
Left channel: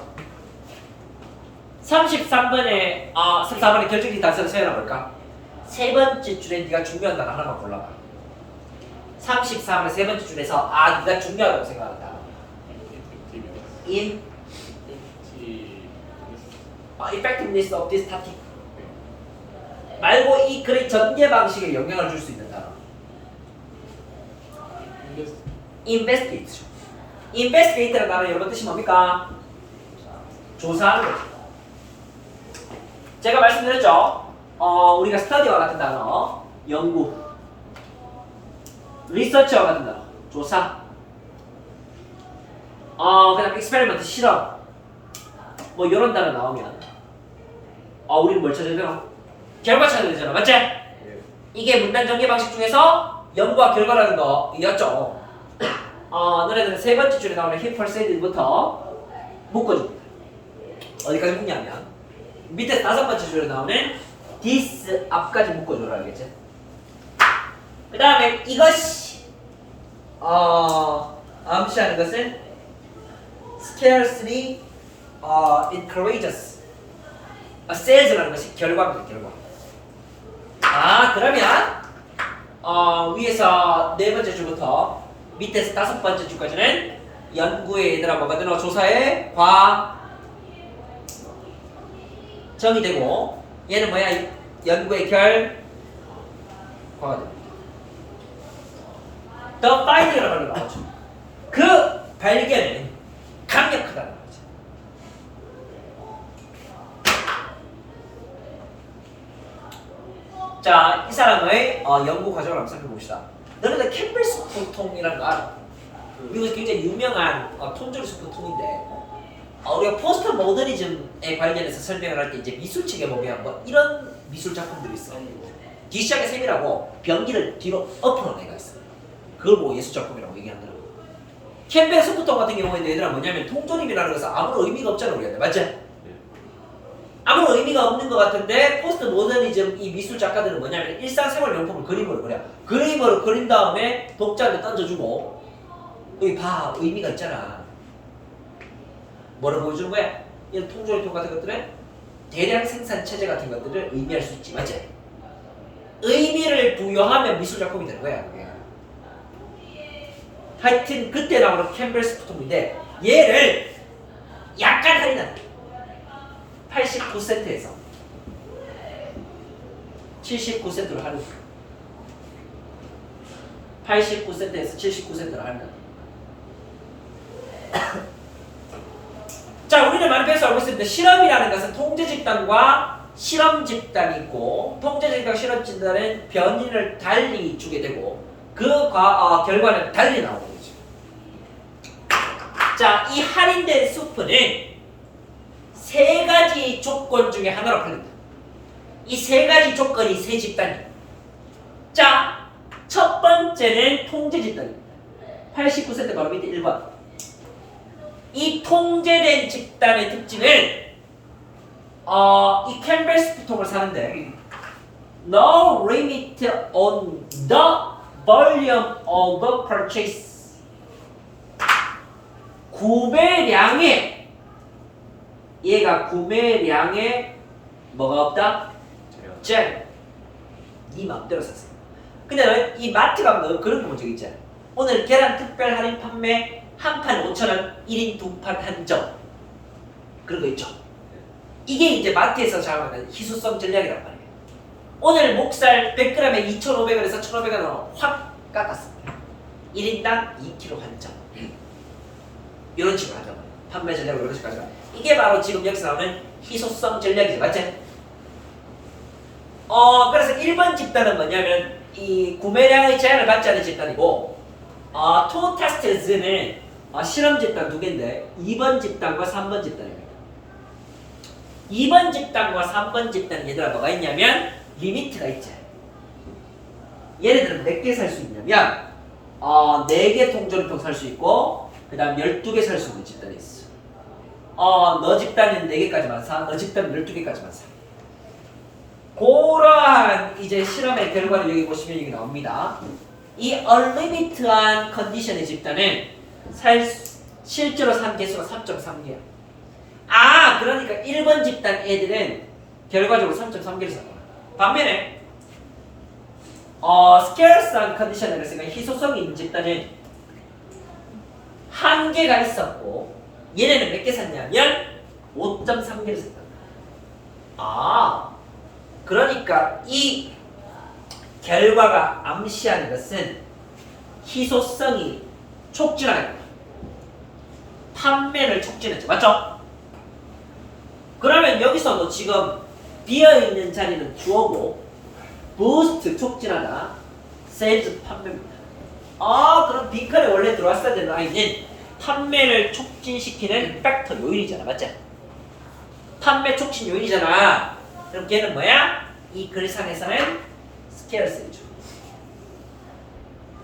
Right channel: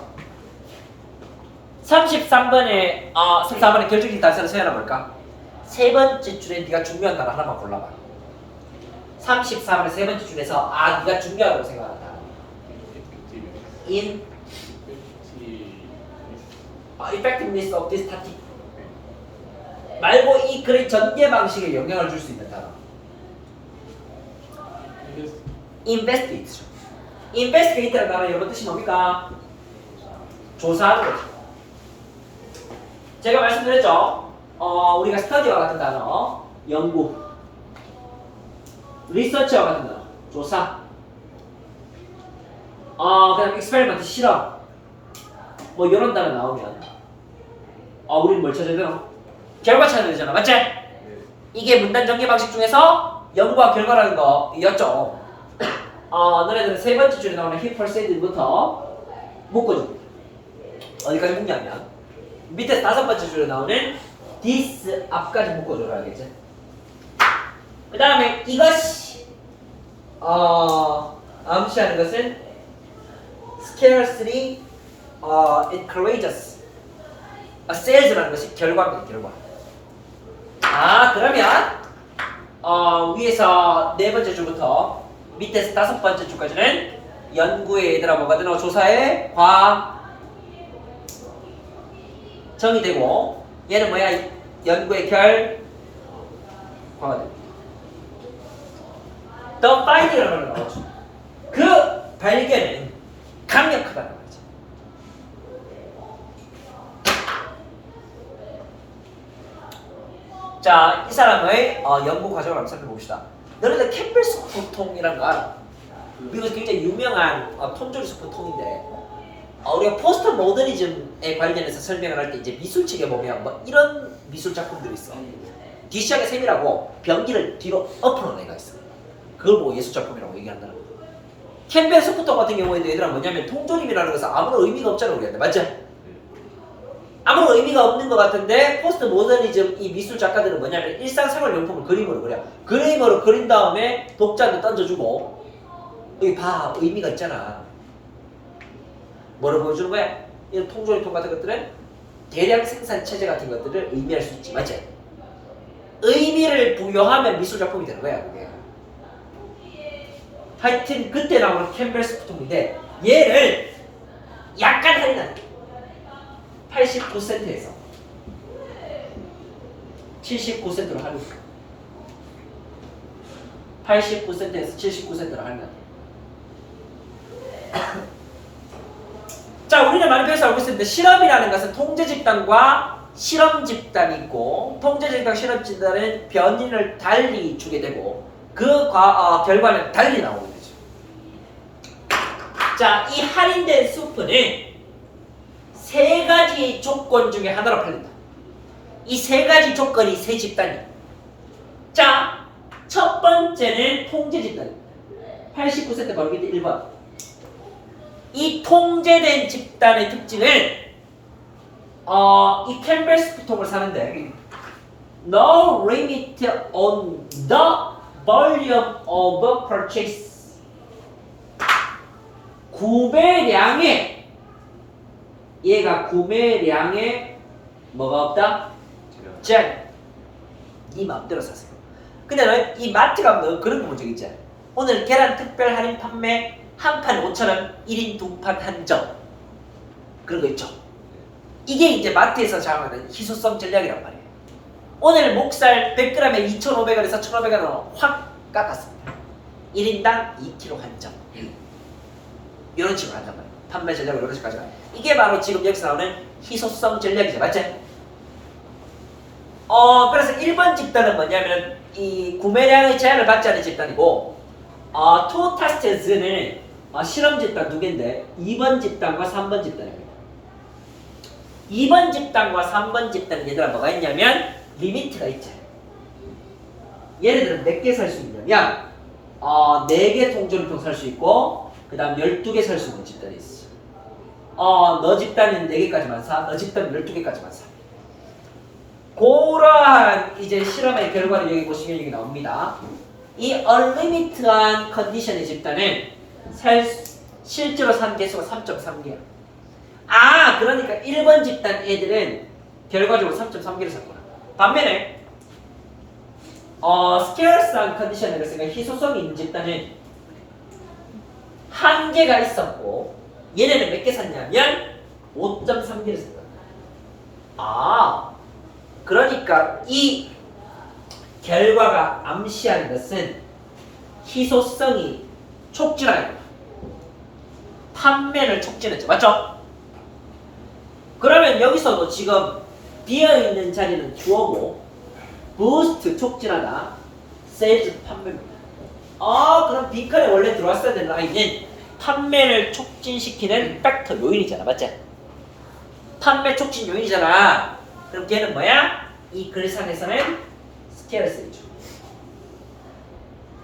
33번에 34번에 결정적인 단서를 써야 볼까? 세 번째 줄에 네가 중요한 단어 하나만 골라봐. 34번의 세 번째 줄에서 네가 중요하다고 생각하는 단어. effectiveness of this tactic. 말고 이 글의 전개 방식에 영향을 줄 수 있는 단어. investigate. investigate라는 단어 여러분 뜻이 뭡니까? 조사하는 거죠. 제가 말씀드렸죠. 우리가 스터디와 같은 단어, 연구, 리서치와 같은 단어, 조사, 그다음 experiment, 실험, 뭐 이런 단어 나오면, 우리는 뭘 찾아야 돼요? 결과 찾아야 되잖아, 맞지? 이게 문단 전개 방식 중에서 연구와 결과라는 거였죠. 너네들은 세 번째 줄에 나오는 he, her, said부터 묶어주고 어디까지 묶냐면 밑에 다섯 번째 줄에 나오는 this 앞까지 묶어줘라, 알겠지? 그 다음에 이것이 암시하는 것은 scarcely encourages sales라는 것이 결과입니다. 결과. 그러면 위에서 네 번째 줄부터 밑에서 다섯 번째 줄까지는 연구의 얘들아 뭐가 되노? 조사의 과정이 되고 얘는 뭐야? 연구의 결과가 됩니다. The finding이라는 말로 나오죠. 그 발견은 강력하다는 거죠. 자, 이 사람의 연구 과정을 한번 살펴봅시다. 너네들 캠벨 스프통이라는 거 알아? 미국에서 굉장히 유명한 톤조리 스프통인데 우리가 포스트 모더니즘에 관련해서 설명을 할 때 이제 미술책에 보면 뭐 이런 미술 작품들이 있어. 뒤시작에 셈이라고 변기를 뒤로 엎어놓은 애가 있어. 그걸 보고 예술 작품이라고 얘기한다는 거. 캠벨 스프통 같은 경우에도 얘들아 뭐냐면 통조림이라는 것은 아무런 의미가 없잖아 우리한테. 맞지? 아무런 의미가 없는 것 같은데 포스트 모더니즘 이 미술 작가들은 뭐냐면 일상생활용품을 그림으로 그려. 그림으로 그린 다음에 독자한테 던져주고 여기 봐 의미가 있잖아. 뭐를 보여주는 거야? 이런 통조림통 같은 것들은 대량 생산 체제 같은 것들을 의미할 수 있지, 맞지? 의미를 부여하면 미술 작품이 되는 거야, 그게. 하여튼 그때 나오는 캠벨스 부통인데 얘를 약간 할인한다. 89센트에서 79센트로 할인. 89센트에서 79센트로 할인한다. 자, 우리는 많이 배워서 알고 있습니다. 실험이라는 것은 통제 집단과 실험 집단이 있고, 통제 집단, 실험 집단은 변인을 달리 주게 되고, 그 결과는 달리 나오게 되죠. 자, 이 할인된 수프는 세 가지 조건 중에 하나로 팔린다. 이 세 가지 조건이 세 집단이에요. 자, 첫 번째는 통제 집단입니다. 89센트 바로 밑에 1번. 이 통제된 집단의 특징을 이 캠벨스 부통을 사는데 No limit on the volume of purchase. 구매량에 얘가 구매량에 뭐가 없다? 제한. 네 마음대로 사세요. 근데 이 마트 가면 그런 거 본 적 있잖아. 오늘 계란 특별 할인 판매 한 판 5,000원, 1인 2판 한정. 그런 거 있죠. 이게 이제 마트에서 작용하는 희소성 전략이란 말이에요. 오늘 목살 100g에 2,500원에서 1,500원으로 확 깎았습니다. 1인당 2kg 한정. 이런 식으로 한단 말이에요. 판매 전략을 이런 식으로 가져가. 이게 바로 지금 여기서 나오는 희소성 전략이죠. 맞지? 그래서 1번 집단은 뭐냐면 이 구매량의 제한을 받지 않은 집단이고 투 타스트즈는 실험 집단 두 개인데 2번 집단과 3번 집단입니다. 2번 집단과 3번 집단은 얘들아 뭐가 있냐면 리미트가 있죠. 얘네들은 몇 개 살 수 있냐면 4개 통조림통 살 수 있고 그 다음 12개 살 수 있는 집단이 있어. 너 집단은 4개까지만 사, 너 집단은 12개까지만 사. 그러한 이제 실험의 결과를 여기 보시면 여기 나옵니다. 이 unlimited한 컨디션의 집단은 실제로 산 개수가 3.3개야. 그러니까 1번 집단 애들은 결과적으로 3.3개를 샀구나. 반면에 scarce한 컨디션에 그랬으니까 희소성이 있는 집단은 한 개가 있었고 얘네는 몇 개 샀냐면 5.3개를 샀다. 그러니까 이 결과가 암시하는 것은 희소성이 촉진하는 거예요. 판매를 촉진했죠. 맞죠? 그러면 여기서도 지금 비어있는 자리는 주어고 부스트 촉진하다 세일즈 판매입니다. 그럼 빈칸에 원래 들어왔어야 되는 라인은 판매를 촉진시키는 팩터 요인이잖아. 맞지? 판매 촉진 요인이잖아. 그럼 걔는 뭐야? 이 글상에서는 스케일스죠.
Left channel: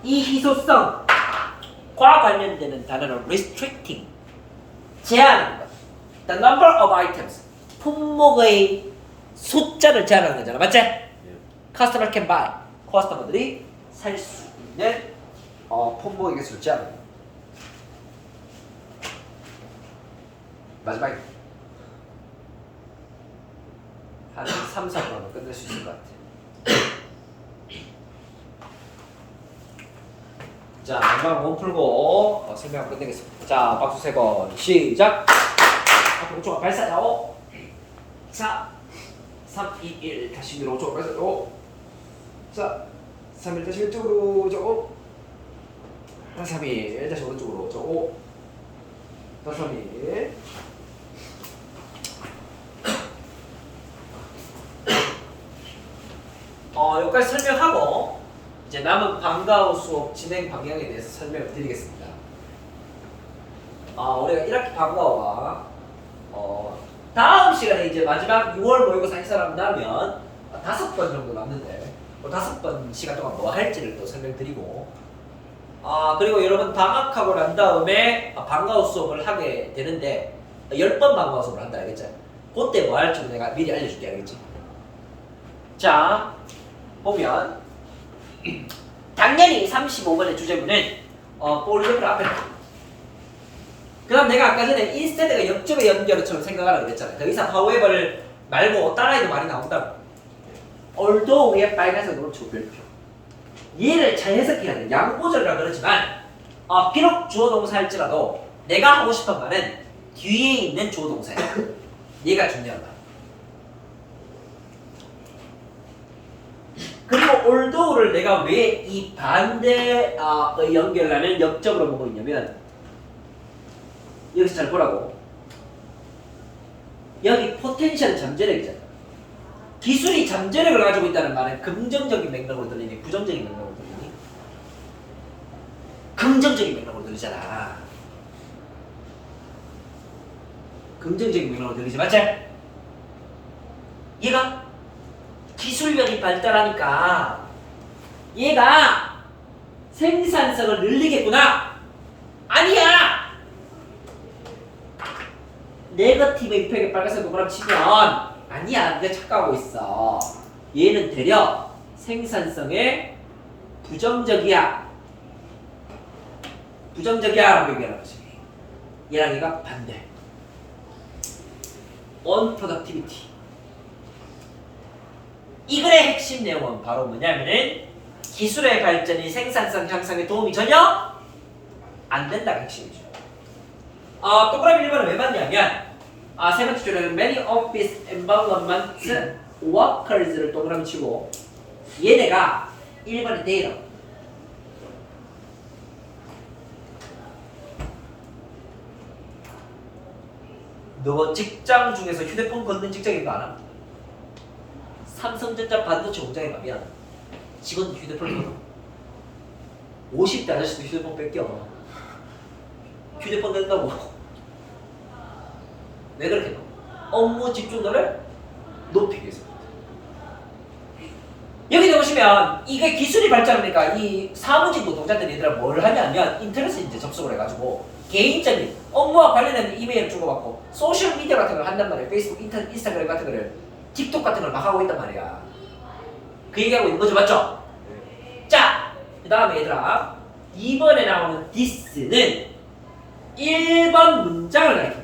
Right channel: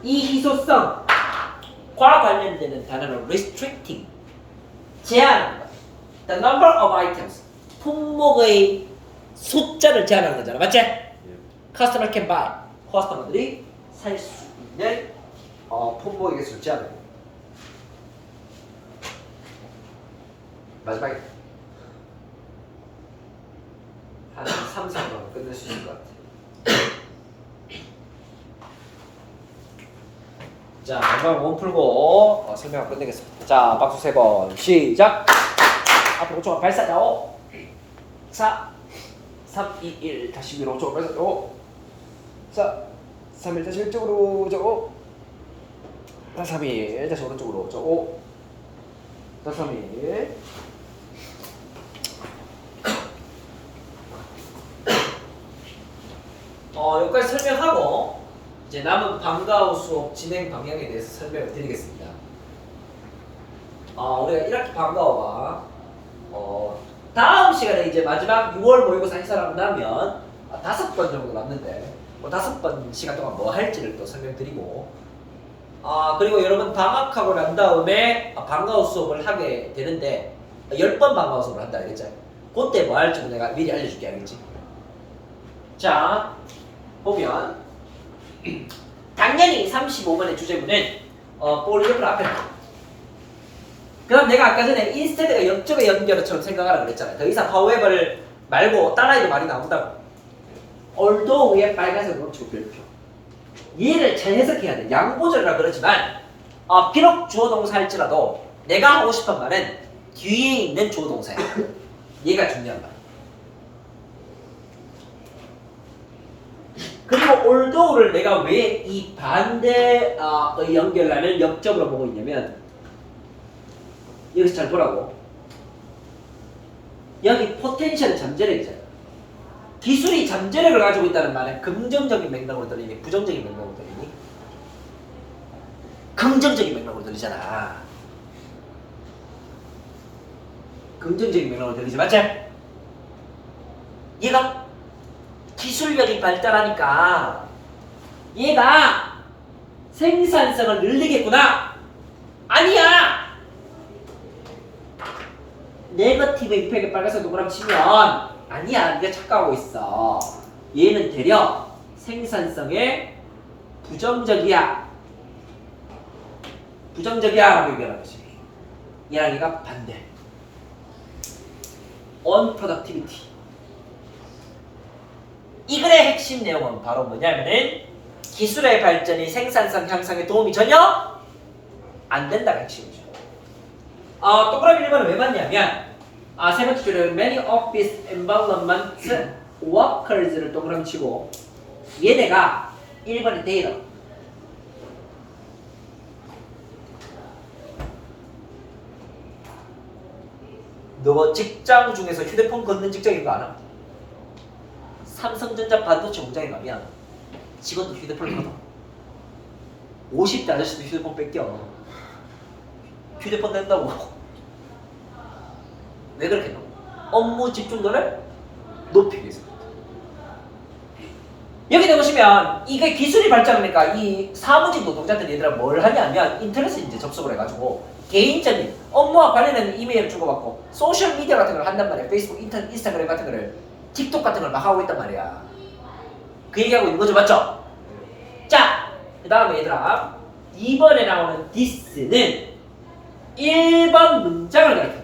이 희소성과 관련되는 단어는 restricting, 제한하는 거. The number of items, 품목의 숫자를 제한하는 거잖아. 맞지? Customer can buy, 커스터머들이 살 수 있는 품목의 개수를 제한하는 거. 마지막에 한 3, 4분으로 끝낼 수 있을 것 같아요. 자, 마지막 원 풀고 설명 끝내겠습니다. 자, 박수 3번 시작. 앞으로 5초간 발사. 5, 4, 3, 2, 1 다시 위로 5초간 발사. 5, 4, 3, 1 다시 왼쪽으로. 5, 4, 3, 1 다시 오른쪽으로. 5, 4, 3, 1 여기까지 설명하고 이제 남은 방과후 수업 진행 방향에 대해서 설명을 드리겠습니다. 우리가 1학기 방과후가 다음 시간에 이제 마지막 6월 모의고사 행사를 한다면 5번 정도 남는데 5번 시간 동안 뭐 할지를 또 설명드리고 그리고 여러분 방학하고 난 다음에 방과후 수업을 하게 되는데 10번 방과후 수업을 한다 알겠죠? 그때 뭐 할지도 내가 미리 알려줄게. 알겠지? 자 보면 당연히 35번의 주제문은 볼리그래프를 앞에 놔. 그 다음 내가 아까 전에 instead가 역적의 연결어처럼 생각하라 그랬잖아요. 더 이상 however 말고 따라해도 말이 나온다고. although 위에 빨간색으로 조별표. 얘를 잘 해석해야 돼. 양보절이라 그러지만 비록 주어동사 할지라도 내가 하고 싶은 말은 뒤에 있는 주어동사야. 얘가 중요한 말. 그리고 although를 내가 왜 이 반대의 연결란을 역적으로 보고 있냐면 여기서 잘 보라고. 여기 포텐셜은 잠재력이잖아. 기술이 잠재력을 가지고 있다는 말은 긍정적인 맥락으로 들리니 부정적인 맥락으로 들리니? 긍정적인 맥락으로 들리잖아. 긍정적인 맥락으로 들리지 맞지? 얘가 기술력이 발달하니까 얘가 생산성을 늘리겠구나. 아니야. 네거티브 임팩에 빨간색 동그라미 치면 아니야. 네가 착각하고 있어. 얘는 되려 생산성에 부정적이야. 부정적이야 라고 얘기하는 거지. 얘랑 얘가 반대. unproductivity. 이 글의 핵심 내용은 바로 뭐냐면은 기술의 발전이 생산성 향상에 도움이 전혀 안 된다가 핵심이죠. 동그라미 1번은 왜 맞냐면 세 번째 줄에 many office environment workers를 동그라미 치고 얘네가 1번의 데이터 너 직장 중에서 휴대폰 걷는 직장인 거 알아? 삼성전자 반도체 공장에 가면 직원들 휴대폰을 걷어. 50대 아저씨도 휴대폰 뺏겨. 휴대폰 낸다고. 왜 그렇게 나? 업무 집중도를 높이기 위해서. 여기 보시면 이게 기술이 발전하니까 이 사무직 노동자들 얘들아 뭘 하냐면 인터넷에 이제 접속을 해가지고 개인적인 업무와 관련된 이메일을 주고받고 소셜 미디어 같은 걸 한단 말이야. 페이스북, 인스타그램 같은 거를 틱톡 같은 걸 막 하고 있단 말이야. 그 얘기하고 있는 거죠, 맞죠? 자, 그 다음에 얘들아 2번에 나오는 this는 1번 문장을 가리킵니다.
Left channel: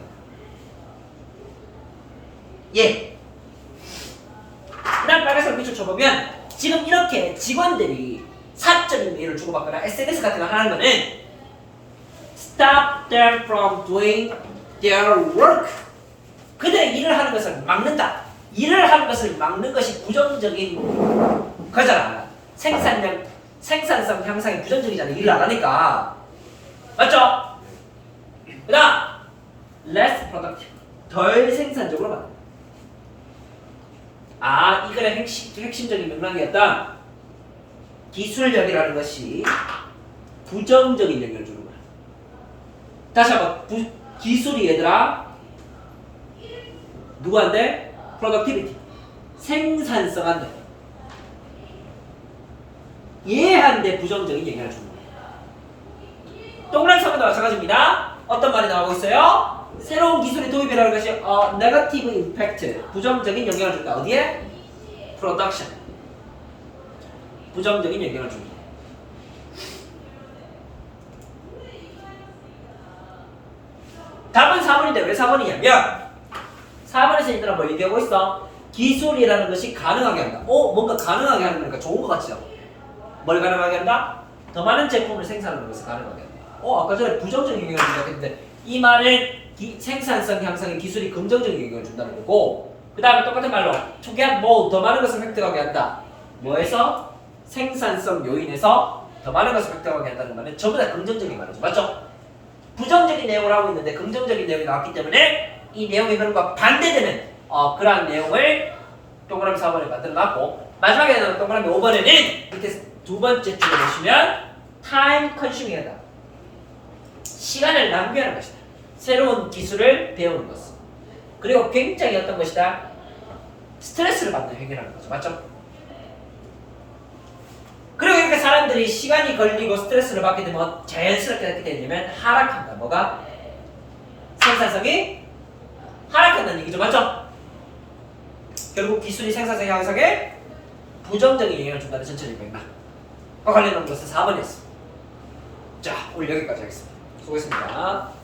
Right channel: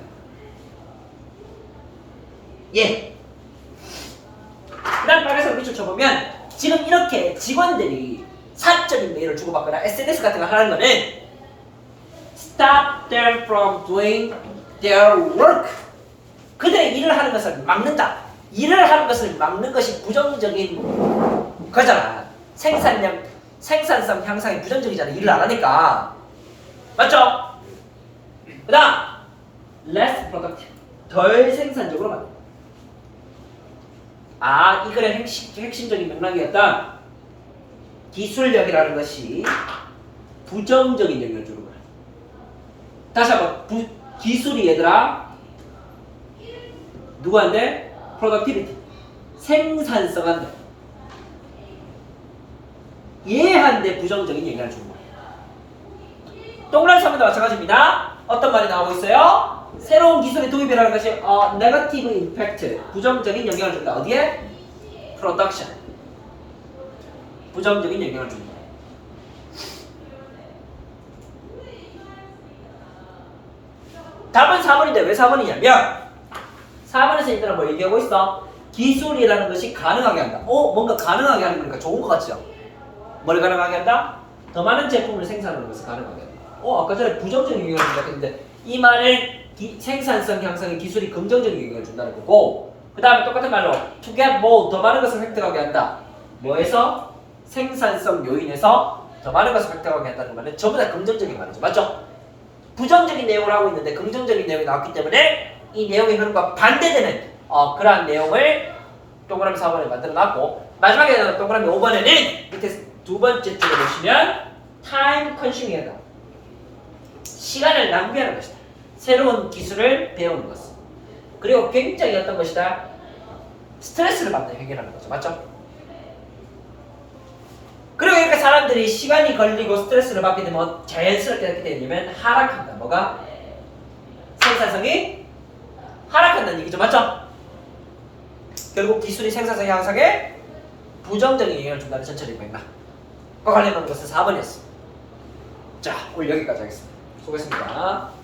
예. 그 다음 빨간색 밑줄 쳐보면 지금 이렇게 직원들이 사적인 메일을 주고받거나 SNS 같은 걸 하는 거는 stop them from doing their work. 그들의 일을 하는 것을 막는다. 일을 하는 것을 막는 것이 부정적인 거잖아. 생산성 향상이 부정적이잖아. 일을 안 하니까. 맞죠? 그 다음 less productive. 덜 생산적으로 만든다. 이 글의 핵심적인 맥락이었던 기술력이라는 것이 부정적인 영향을 주는 거야. 다시 한번 기술이 얘들아 누구한테? productivity 생산성한테 얘한테 부정적인 영향을 주는 거야. 동그라미 3번도 마찬가지입니다. 어떤 말이 나오고 있어요? 새로운 기술의 도입이라는 것이 negative impact 부정적인 영향을 준다. 어디에? production 부정적인 영향을 준다. 답은 4번인데 왜 4번이냐면 4번에서 얘들아 뭐 얘기하고 있어? 기술이라는 것이 가능하게 한다. 뭔가 가능하게 하는 거니까 좋은 거 같죠? 뭘 가능하게 한다? 더 많은 제품을 생산하는 것을 가능하게 한다. 아까 전에 부정적인 영향을 준다 했는데 이 말은 생산성 향상에 기술이 긍정적인 영향을 준다는 거고 그 다음에 똑같은 말로 to get more 더 많은 것을 획득하게 한다. 뭐에서? 생산성 요인에서 더 많은 것을 획득하게 한다는 말은 전부 다 긍정적인 말이죠. 맞죠? 부정적인 내용을 하고 있는데 긍정적인 내용이 나왔기 때문에 이 내용의 흐름과 반대되는 그러한 내용을 동그라미 4번에 만들어놨고 마지막에 동그라미 5번에는 밑에 두 번째 줄에 보시면 time consuming 하다. 시간을 낭비하는 것이다. 새로운 기술을 배우는 것. 그리고 굉장히 어떤 것이다? 스트레스를 받는 행위라는 거죠. 맞죠? 그리고 이렇게 사람들이 시간이 걸리고 스트레스를 받게 되면 자연스럽게 어떻게 되냐면 하락한다. 뭐가? 생산성이 하락한다는 얘기죠. 맞죠? 결국 기술이 생산성 향상에 부정적인 영향을 준다는 전체적인 맥락. 과 관련된 것은 4번이었습니다. 자, 오늘 여기까지 하겠습니다. 수고했습니다.